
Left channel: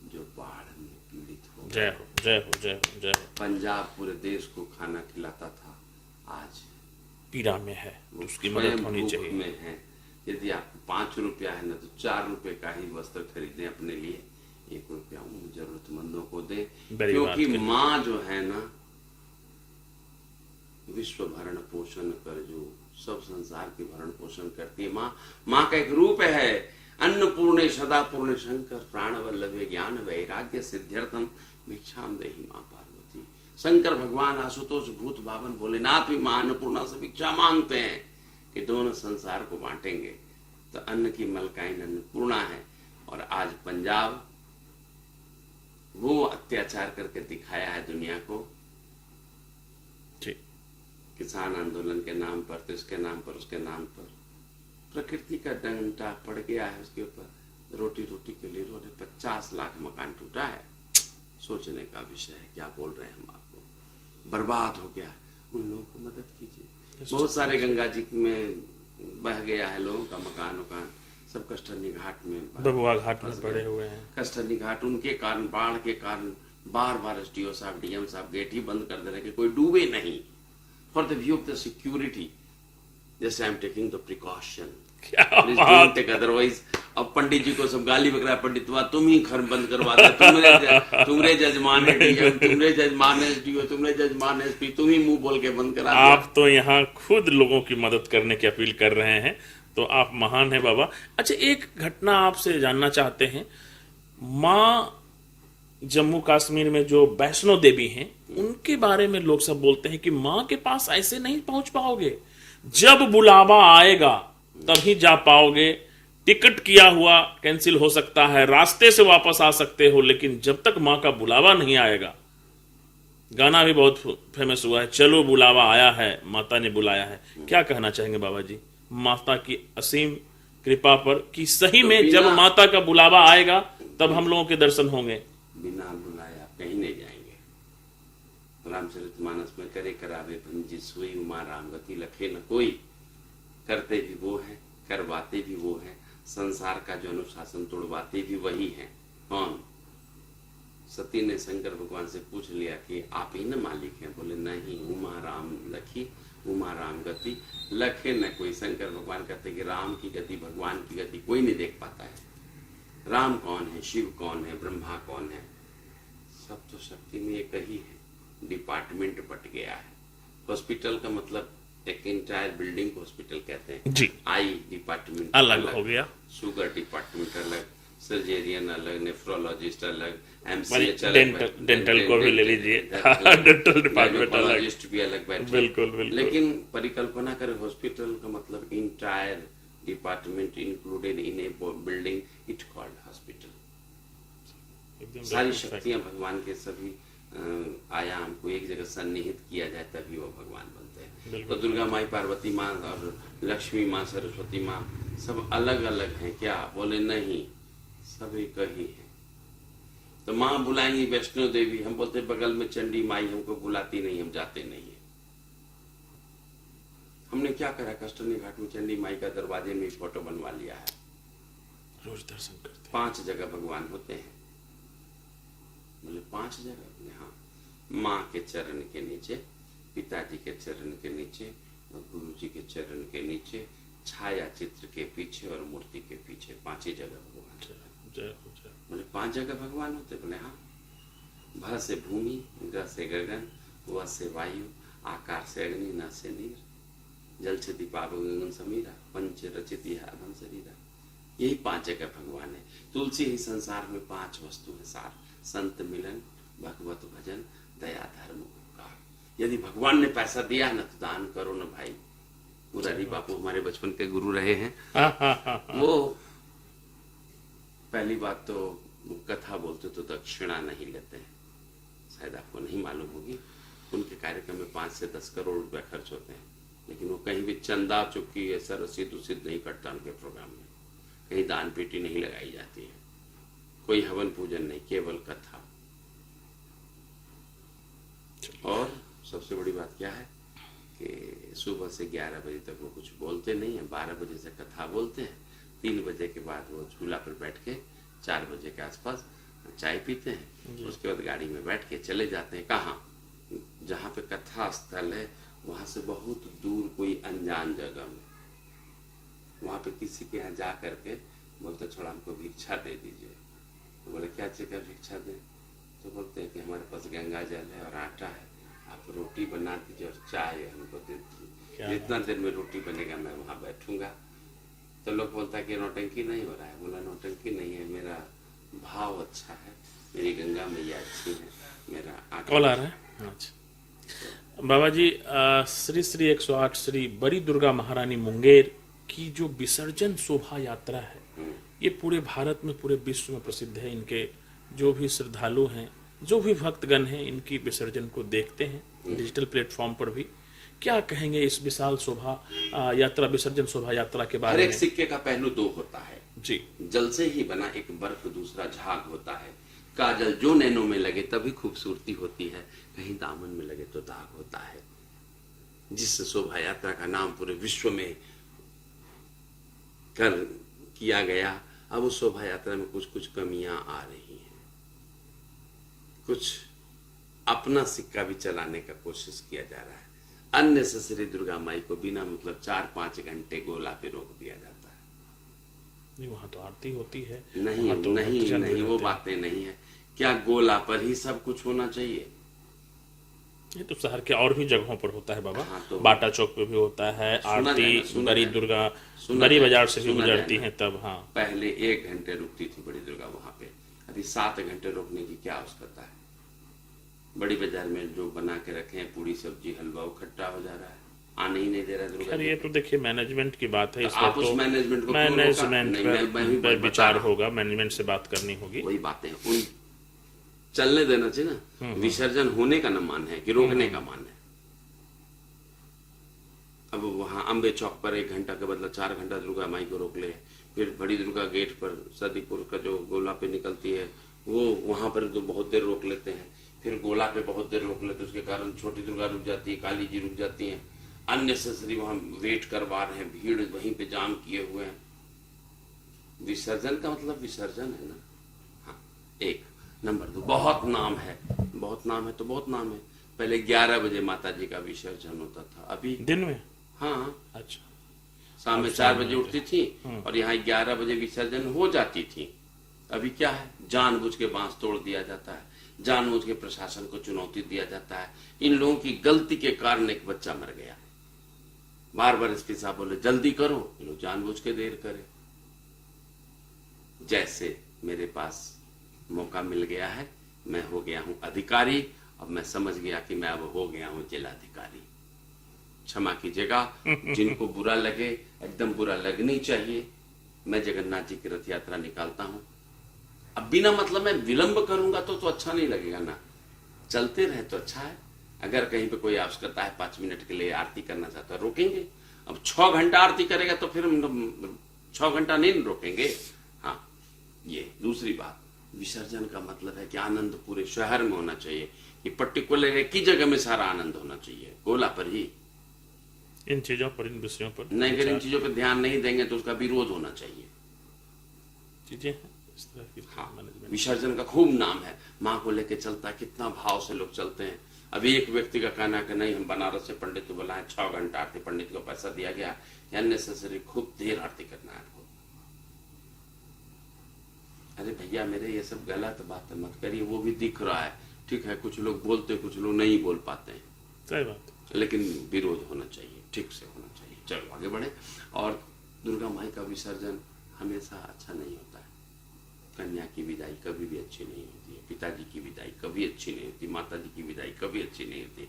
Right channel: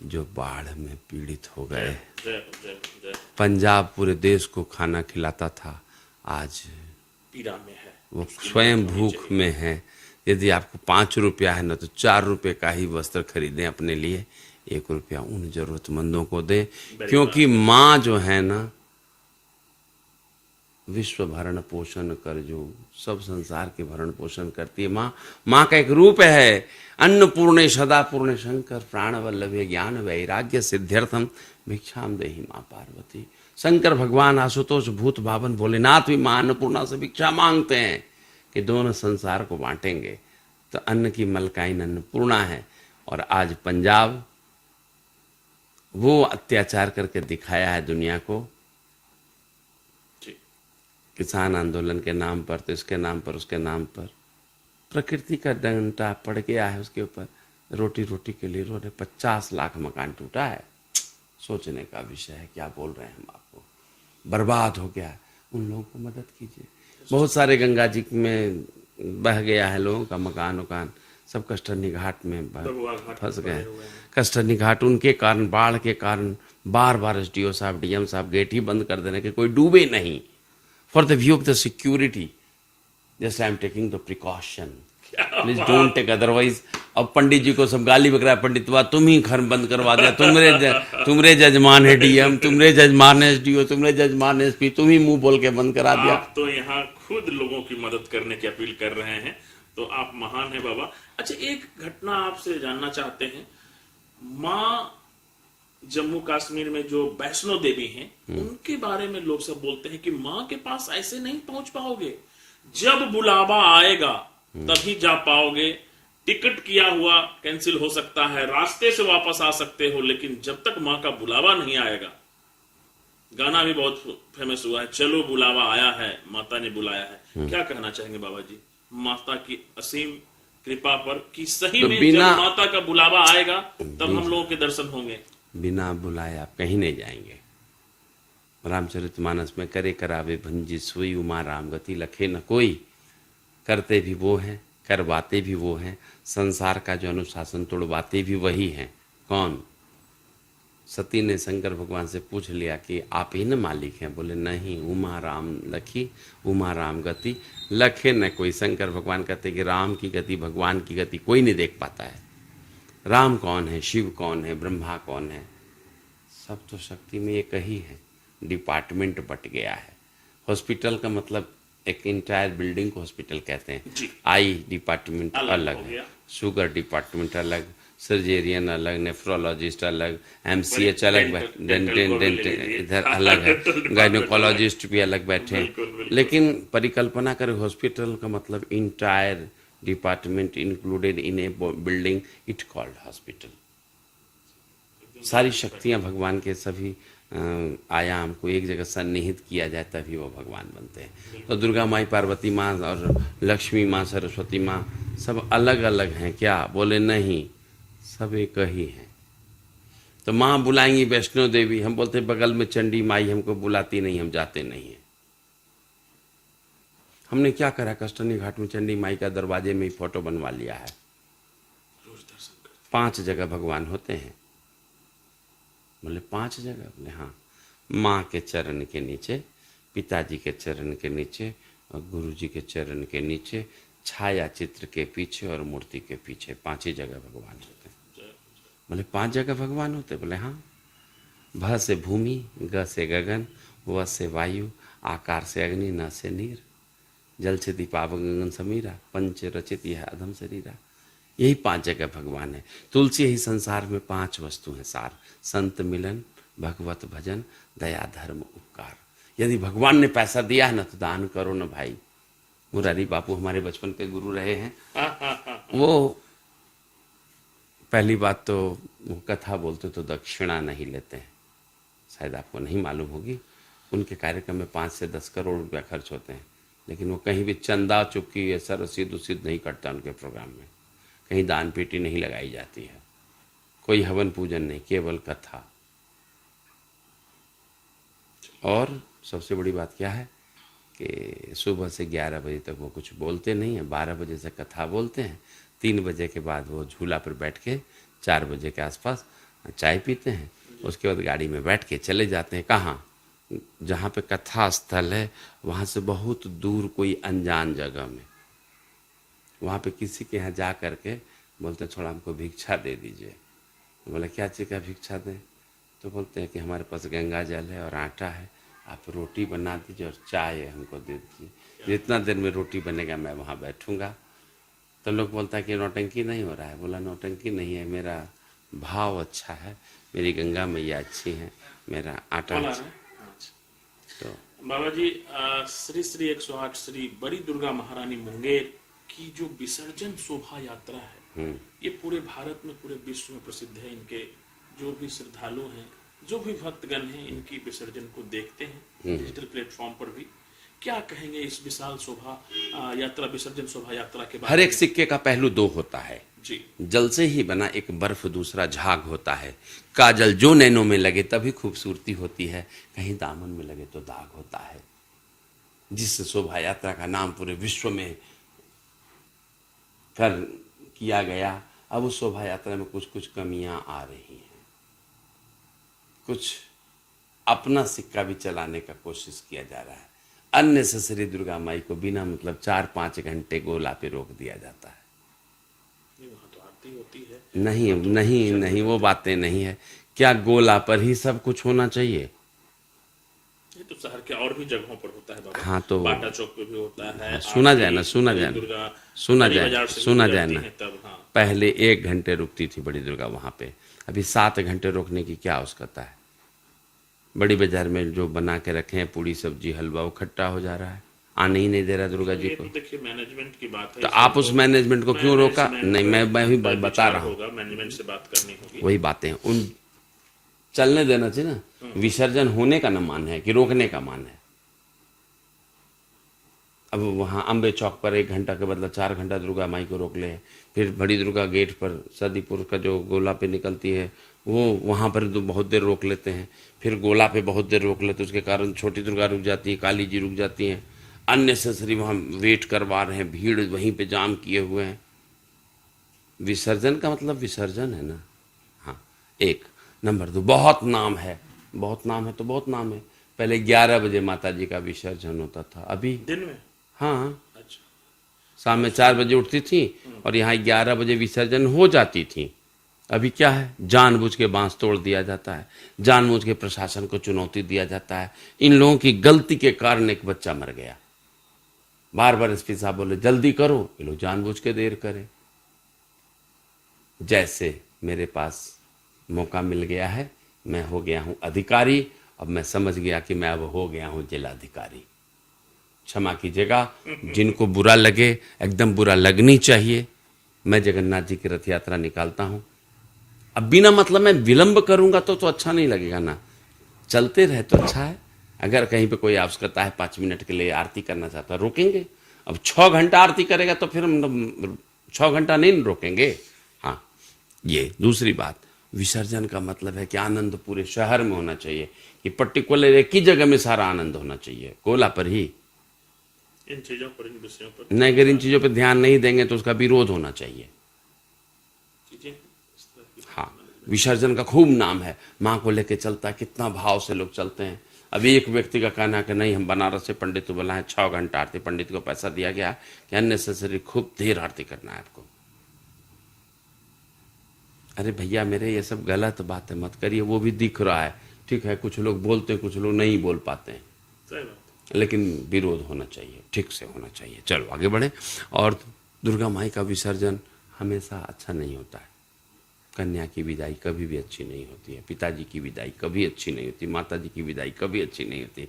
जो बाढ़ में पीड़ित हो गए। जय हो, जय हो, जय हो। पंजाब पूरे देश को खाना खिलाता था, आज पीड़ा में है, वो स्वयं भूख में है। यदि आपको 5 रुपया है ना, तो 4 रुपये का ही वस्त्र खरीदें अपने लिए, 1 रुपया उन जरूरतमंदों को दें, क्योंकि माँ जो है ना विश्व भरण पोषण कर जो, सब संसार के भरण पोषण करती है माँ। माँ का एक रूप है, अन्नपूर्णे सदा पूर्णे शंकर प्राण वल्लभे ज्ञान वैराग्य सिद्ध्यर्थम भिक्षाम देहि माँ पार्वती। शंकर भगवान आशुतोष भूत भावन भोलेनाथ भी माँ अन्नपूर्णा से भिक्षा मांगते हैं कि दोनों संसार को बांटेंगे। तो अन्न की मलकाइन अन्नपूर्णा है। और आज पंजाब वो अत्याचार करके दिखाया है दुनिया को, किसान आंदोलन के नाम पर, तो इसके नाम पर, उसके नाम पर प्रकृति का डंडा पड़ गया है उसके ऊपर। रोटी रोटी के लिए उन्होंने 50 लाख मकान टूटा है। सोचने का विषय है, क्या बोल रहे हैं हम आपको। बर्बाद हो गया है, उन लोगों को मदद कीजिए। बहुत सारे गंगा जी में बह गया है लोगों का मकान उकान, सब कष्टरनी घाट में फंस गए। कष्टरनी घाट उनके कारण, बाढ़ के कारण बार बार एसडीओ साहब, डीएम साहब गेट ही बंद कर दे रहे कि कोई डूबे नहीं। For the view of the security just I am taking the precaution, please don't take otherwise. अब पंडित जी को सब गाली बक रहा है, पंडित हुआ तुम ही घर बंद करवा दिया, तुमरे जजमान है डीएम, तुमरे जजमान है एसडीओ, तुमरे जजमान है एसपी, तुम ही मुंह बोल के बंद करा दिया। आप तो यहाँ खुद लोगों की मदद करने की अपील कर रहे हैं, तो आप महान है बाबा। अच्छा, एक घटना आपसे जानना चाहते हैं। माँ जम्मू कश्मीर में जो वैष्णो देवी हैं, उनके बारे में लोग सब बोलते हैं कि माँ के पास ऐसे नहीं पहुंच पाओगे, जब बुलावा आएगा तभी जा पाओगे। टिकट किया हुआ कैंसिल हो सकता है, रास्ते से वापस आ सकते हो, लेकिन जब तक माँ का बुलावा नहीं आएगा। गाना भी बहुत फेमस हुआ है, चलो बुलावा आया है, माता ने बुलाया है। क्या कहना चाहेंगे बाबा जी माता की असीम कृपा पर कि सही तो में जब माता का बुलावा आएगा तब हम लोगों के दर्शन होंगे? बिना बुलाए आप कहीं नहीं जाएंगे। रामचरितमानस में करे करावे भंजी सोई उमा राम गति लखे न कोई। करते भी वो हैं, करवाते भी वो हैं, संसार का जो अनुशासन तोड़वाते भी वही हैं। कौन? सती ने शंकर भगवान से पूछ लिया कि आप ही न मालिक हैं? बोले नहीं, उमा राम लखी उमा राम गति लखे न कोई। शंकर भगवान कहते कि राम की गति, भगवान की गति कोई नहीं देख पाता है। राम कौन है, शिव कौन है, ब्रह्मा कौन है? सब तो शक्ति में एक ही है। डिपार्टमेंट बट गया है। हॉस्पिटल का मतलब एक इंटायर बिल्डिंग को हॉस्पिटल कहते हैं जी। आई डिपार्टमेंट अलग हो गया, शुगर डिपार्टमेंट अलग, सर्जेरियन अलग, नेफ्रोलॉजिस्ट अलग, एमसीएच अलग, इधर अलग, गायनोकोलॉजिस्ट भी अलग बैठे। लेकिन परिकल्पना करें, हॉस्पिटल का मतलब entire department included in A building, it called hospital. सारी शक्तियां भगवान के सभी आयाम को एक जगह सन्निहित किया जाए तभी वो भगवान बनते हैं। तो दुर्गा माई, पार्वती माँ और लक्ष्मी माँ, सरस्वती माँ सब अलग अलग हैं क्या? बोले नहीं, सब एक ही हैं। तो माँ बुलाएंगी वैष्णो देवी, हम बोलते बगल में चंडी माई हमको बुलाती नहीं, हम जाते नहीं हैं। हमने क्या करा, कष्टनी घाट में चंडी माई का दरवाजे में ही फोटो बनवा लिया है। रोज दर्शन करते। 5 जगह भगवान होते हैं। बोले 5 जगह? बोले हाँ, माँ के चरण के नीचे, पिताजी के चरण के नीचे और गुरु जी के चरण के नीचे, छाया चित्र के पीछे और मूर्ति के पीछे 5 ही जगह भगवान होते हैं। बोले 5 जगह भगवान होते? बोले हाँ। भ से भूमि, ग से गगन, व से वायु, आकार से अग्नि, न से नीर, जल से दीपाव गगन समीरा, पंच रचित यह अधम शरीरा। यही 5 जगह भगवान है। तुलसी ही संसार में 5 वस्तु है सार, संत मिलन, भगवत भजन, दया धर्म उपकार। यदि भगवान ने पैसा दिया है ना तो दान करो ना भाई। मुरारी बापू हमारे बचपन के गुरु रहे हैं। वो पहली बात तो वो कथा बोलते तो दक्षिणा नहीं लेते हैं, शायद आपको नहीं मालूम होगी। उनके कार्यक्रम में 5 से 10 करोड़ रुपया खर्च होते हैं, लेकिन वो कहीं भी चंदा चुपकी ऐसा रसीद उसीद नहीं करता उनके प्रोग्राम में। कहीं दान पेटी नहीं लगाई जाती है, कोई हवन पूजन नहीं, केवल कथा। और सबसे बड़ी बात क्या है कि सुबह से 11 बजे तक वो कुछ बोलते नहीं हैं, 12 बजे से कथा बोलते हैं, 3 बजे के बाद वो झूला पर बैठ के 4 बजे के आसपास चाय पीते हैं, उसके बाद गाड़ी में बैठ के चले जाते हैं। कहाँ? जहाँ पे कथा स्थल है वहाँ से बहुत दूर कोई अनजान जगह में, वहाँ पे किसी के यहाँ जा करके बोलते थोड़ा हमको भिक्षा दे दीजिए। तो बोले क्या चीज़ का भिक्षा दें? तो बोलते हैं कि हमारे पास गंगा जल है और आटा है, आप रोटी बना दीजिए और चाय हमको दे दीजिए, जितना देर में रोटी बनेगा मैं वहाँ बैठूंगा। तो लोग बोलता है कि नौटंकी नहीं हो रहा है। बोला नौटंकी नहीं है, मेरा भाव अच्छा है, मेरी गंगा मैया अच्छी है, मेरा आटा कॉल आ अच्छा रहा है। अच्छा बाबा जी, श्री श्री 108 श्री बड़ी दुर्गा महारानी मुंगेर की जो विसर्जन शोभा यात्रा है, ये पूरे भारत में, पूरे विश्व में प्रसिद्ध है। इनके जो भी श्रद्धालु हैं, जो भी भक्तगण हैं, इनकी विसर्जन को देखते हैं डिजिटल प्लेटफॉर्म पर भी। क्या कहेंगे इस विशाल शोभा यात्रा, विसर्जन शोभा यात्रा के बारे हर में? एक सिक्के का पहलू दो होता है। जी, जल से ही बना एक बर्फ दूसरा झाग होता है। काजल जो नैनों में लगे तभी खूबसूरती होती है, कहीं दामन में लगे तो दाग होता है। जिस शोभा यात्रा का नाम पूरे विश्व में कर किया गया, अब उस शोभा यात्रा में कुछ कुछ कमियां आ रही हैं। कुछ अपना सिक्का भी चलाने का कोशिश किया जा रहा है। अननेसेसरी दुर्गा माई को बिना मतलब 4-5 घंटे गोला पे रोक दिया जाता है। नहीं वहाँ तो आरती होती है। नहीं वहाँ तो नहीं भजन नहीं, हो वो जाते बातें नहीं है। क्या गोला पर ही सब कुछ होना चाहिए? हैं। ये तो शहर के और भी जगहों पर होता है बाबा। हाँ, तो बाटा चौक पे भी होता है। सुना आरती जाए ना, सुना बड़ी जाए ना, दुर्गा सुना बड़ी जाए, बाजार से भी सुना जाए गुजरती ना। हैं तब। हाँ, पहले 1 घंटे रुकती थी बड़ी दुर्गा वहां पे, अभी 7 घंटे रोकने की क्या आवश्यकता है? बड़ी बाजार में जो बना के रखे हैं पूड़ी सब्जी हलवा, वो खट्टा हो जा रहा है, आने ही नहीं दे रहा दुर्गा खैर जी ये को। तो देखिए मैनेजमेंट की बात है। तो इसमें आप उस मैनेजमेंट को क्यों रोका? मैनेजमेंट नहीं, मैं भी पर बता विचार रहा हूँ, होगा, मैनेजमेंट से बात करनी होगी। वही बातें हैं। उन चलने देना चाहिए ना। विसर्जन होने का न मान है कि रोकने का मान है। अब वहाँ अम्बे चौक पर 1 घंटा के बदला 4 घंटा दुर्गा माई को रोक ले, फिर बड़ी दुर्गा गेट पर सदीपुर का जो गोला पे निकलती है वो वहाँ पर तो बहुत देर रोक लेते हैं, फिर गोला पे बहुत देर रोक लेते हैं, उसके कारण छोटी दुर्गा रुक जाती है, काली जी रुक जाती हैं। अननेसेसरी वहाँ वेट करवा रहे हैं, भीड़ वहीं पे जाम किए हुए हैं। विसर्जन का मतलब विसर्जन है ना। हाँ, 1 नंबर 2, बहुत नाम है, बहुत नाम है तो बहुत नाम है। पहले 11 बजे माता जी का विसर्जन होता था, अभी दिन में। हाँ अच्छा, शाम में 4 बजे उठती थी और यहाँ 11 बजे विसर्जन हो जाती थी। अभी क्या है, जानबूझ के बांस तोड़ दिया जाता है, जानबूझ के प्रशासन को चुनौती दिया जाता है। इन लोगों की गलती के कारण एक बच्चा मर गया। बार बार एसपी साहब बोले जल्दी करो, ये लोग जानबूझ के देर करें। जैसे मेरे पास मौका मिल गया है, मैं हो गया हूं अधिकारी, अब मैं समझ गया कि मैं अब हो गया हूं जिलाधिकारी। क्षमा कीजिएगा, जिनको बुरा लगे, एकदम बुरा लगनी चाहिए। मैं जगन्नाथ जी की रथ यात्रा निकालता हूं, अब बिना मतलब मैं विलंब करूंगा तो अच्छा नहीं लगेगा ना। चलते रहे तो अच्छा है। अगर कहीं पे कोई आवश्यकता है 5 मिनट के लिए आरती करना चाहता है, रोकेंगे। अब 6 घंटा आरती करेगा तो फिर हम 6 घंटा नहीं रोकेंगे। हाँ, ये दूसरी बात, विसर्जन का मतलब है कि आनंद पूरे शहर में होना चाहिए, कि पर्टिकुलर एक ही जगह में सारा आनंद होना चाहिए, गोला पर ही। इन चीजों पर, इन विषयों पर नहीं, अगर इन चीजों पर ध्यान नहीं देंगे तो उसका विरोध होना चाहिए। चीजें हैं इस तरह की। हाँ, विसर्जन का खूब नाम है, माँ को लेके चलता है, कितना भाव से लोग चलते हैं। अभी एक व्यक्ति का कहना है कि नहीं, हम बनारस से पंडित को बुलाएं, 6 घंटा आरती, पंडित को पैसा दिया गया कि अननेसेसरी खूब देर आरती करना है आपको। अरे भैया मेरे, ये सब गलत बात है, मत करिए। वो भी दिख रहा है, ठीक है, कुछ लोग बोलते हैं, कुछ लोग नहीं बोल पाते हैं, सही बात। लेकिन विरोध होना चाहिए, ठीक से होना चाहिए। चलो आगे बढ़े। और दुर्गा माई का विसर्जन हमेशा अच्छा नहीं होता है। कन्या की विदाई कभी भी अच्छी नहीं होती है, पिताजी की विदाई कभी अच्छी नहीं होती, माता जी की विदाई कभी अच्छी नहीं होती,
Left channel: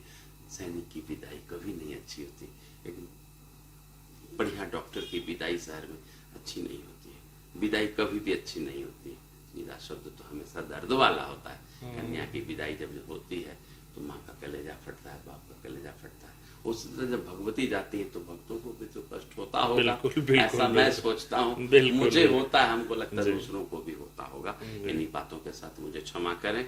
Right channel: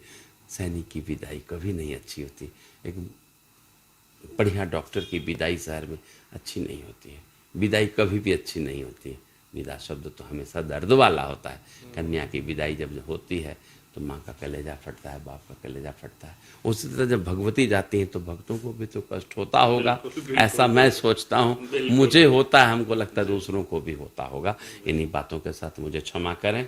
सैनिक की विदाई कभी नहीं अच्छी होती, एक बढ़िया डॉक्टर की विदाई शहर में अच्छी नहीं होती है, विदाई कभी भी अच्छी नहीं होती है। विदा शब्द तो हमेशा दर्द वाला होता है। कन्या की विदाई जब होती है तो माँ का कलेजा फटता है, बाप का कलेजा फटता है। उसी तरह जब भगवती जाती हैं तो भक्तों को भी तो कष्ट होता होगा, बिल्कुल, बिल्कुल, ऐसा मैं सोचता हूँ। बिल्कुल, मुझे होता है, हमको लगता है दूसरों को भी होता होगा। इन्हीं बातों के साथ मुझे क्षमा करें,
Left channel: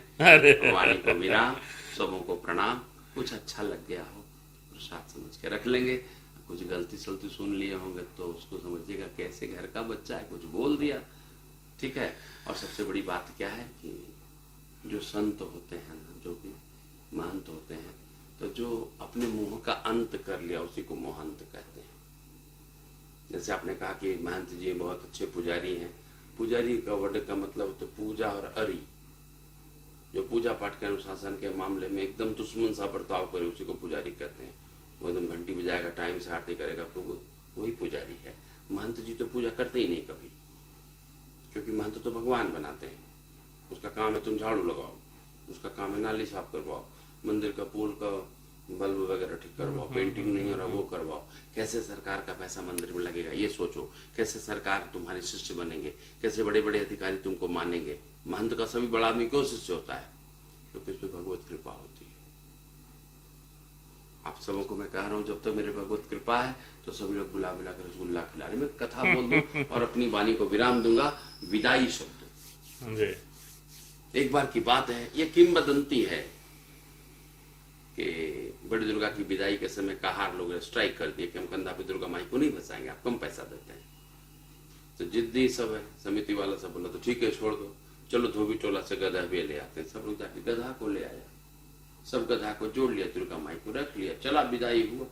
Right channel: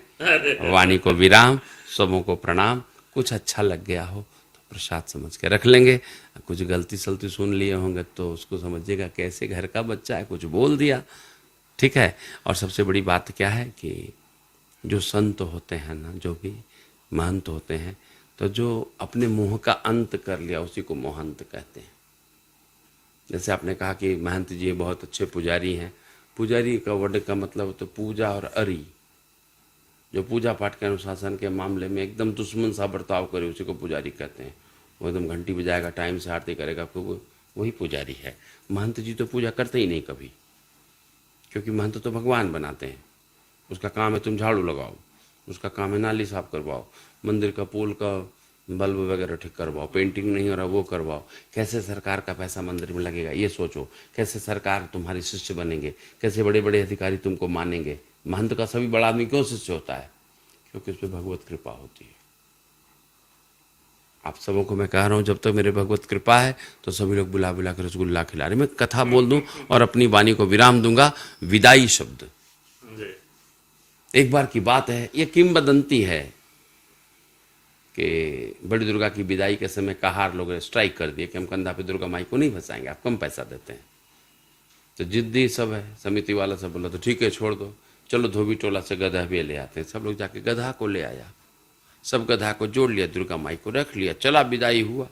वाणी को विराम, सबों को प्रणाम। कुछ अच्छा लग गया हो तो प्रसाद समझ के रख लेंगे, कुछ गलती सलती सुन लिए होंगे तो उसको समझिएगा कैसे घर का बच्चा है, कुछ बोल दिया, ठीक है। और सबसे बड़ी बात क्या है कि जो संत होते हैं ना, जो भी महंत होते हैं, तो जो अपने मुंह का अंत कर लिया उसी को मोहंत कहते हैं। जैसे आपने कहा कि महंत जी बहुत अच्छे पुजारी हैं, पुजारी का वर्ड का मतलब तो पूजा और अरी, जो पूजा पाठ के अनुशासन के मामले में एकदम दुश्मन सा बर्ताव करे उसी को पुजारी कहते हैं। वो एकदम घंटी बजाएगा, टाइम से आरती करेगा, खूब, वही पुजारी है। महंत जी तो पूजा करते ही नहीं कभी, क्योंकि महंत तो भगवान बनाते हैं। उसका काम है तुम झाड़ू लगाओ, उसका काम है नाली साफ करवाओ, मंदिर का पुल का बल्ब वगैरह ठीक करवाओ, पेंटिंग नहीं हो रहा वो करवाओ। कैसे सरकार का पैसा मंदिर में लगेगा ये सोचो, कैसे सरकार तुम्हारी शिष्य बनेंगे, कैसे बड़े बड़े अधिकारी तुमको मानेंगे। महंत का सभी बड़ा आदमी क्यों शिष्य होता है? क्योंकि उसमें भगवत कृपा होती है। आप सबों को मैं कह रहा हूँ, जब तक मेरे भगवत कृपा है तो सभी लोग बुला बुला कर रसगुल्ला खिला रहे। मैं कथा बोल दूं और अपनी वाणी को विराम दूंगा। विदाई शब्द, जी एक बार की बात है, ये किंवदंती है कि बड़ी दुर्गा की विदाई के समय कहार लोग ने स्ट्राइक कर दिए कि हम कंधा पे दुर्गा माई को नहीं फंसाएंगे, आप कम पैसा देते हैं। तो जिद्दी सब है, समिति वाला सब बोला तो ठीक है छोड़ दो, चलो धोबी टोला से गधा भी ले आते हैं। सब लोग जाके गधा को ले आया, सब गधा को जोड़ लिया, दुर्गा माई को रख लिया, चला विदाई हुआ।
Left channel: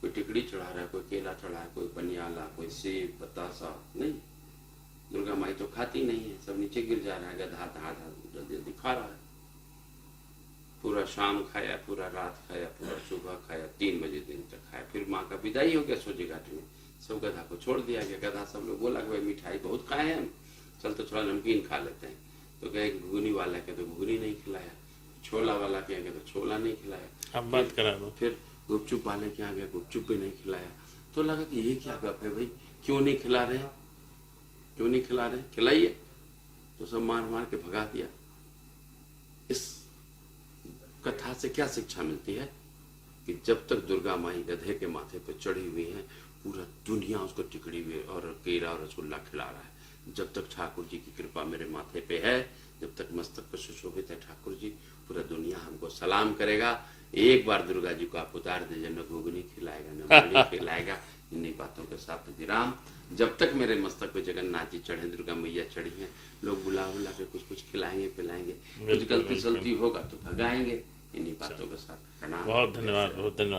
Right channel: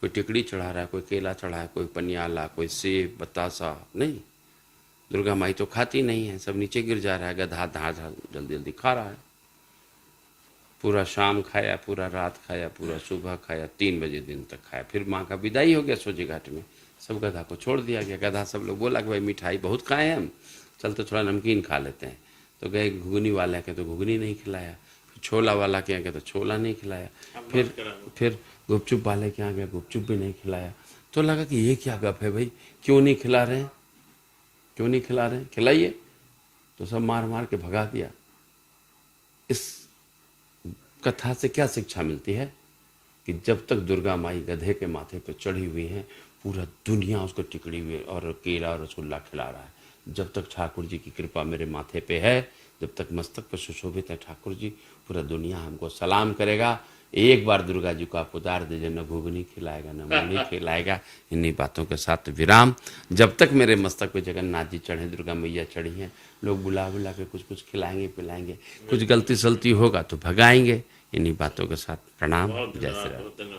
कोई टिकड़ी चढ़ा रहा है, कोई केला चढ़ा है, कोई पनियाला, कोई सेब बतासा। नहीं, दुर्गा माई तो खाती नहीं है, सब नीचे गिर जा रहा है, गधा धा धा जल्दी जल्दी खा रहा है। पूरा शाम खाया, पूरा रात खाया, पूरा सुबह खाया, 3 बजे दिन तक खाया। फिर माँ का विदाई हो गया सोजी घाट में, सब गधा को छोड़ दिया गया। गधा सब लोग बोला कि भाई मिठाई बहुत खाए हैं हम, चल तो थोड़ा नमकीन खा लेते हैं। तो गए घुगनी वाला के तो घुगनी नहीं खिलाया, फिर छोला वाला के यहाँ गए तो छोला नहीं खिलाया, फिर गुपचुप वाले के यहाँ गए, गुपचुप भी नहीं खिलाया। तो लगा कि ये क्या गप है भाई, क्यों नहीं खिला रहे हैं, क्यों नहीं खिला रहे हैं, खिलाइए। तो सब मार मार के भगा दिया। इस कथा से क्या शिक्षा मिलती है कि जब तक दुर्गा माई गधे के माथे पर चढ़ी हुई हैं, पूरा दुनिया उसको टिकड़ी हुई और केला और रसगुल्ला खिला रहा है। जब तक ठाकुर जी की कृपा मेरे माथे पे है, जब तक मस्तक पर सुशोभित है ठाकुर जी, पूरा दुनिया हमको सलाम करेगा। एक बार दुर्गा जी को आप उतार दीजिए, न घुगनी खिलाएगा न मूली खिलाएगा। इन्हीं बातों के साथ विराम। जब तक मेरे मस्तक पे जगन्नाथ जी चढ़े, दुर्गा मैया चढ़ी हैं, लोग बुला बुला के कुछ कुछ खिलाएंगे पिलाएंगे, कुछ गलती सलती होगा तो भगाएंगे। इन्हीं बातों के साथ प्रणाम। बहुत धन्यवाद, बहुत धन्यवाद।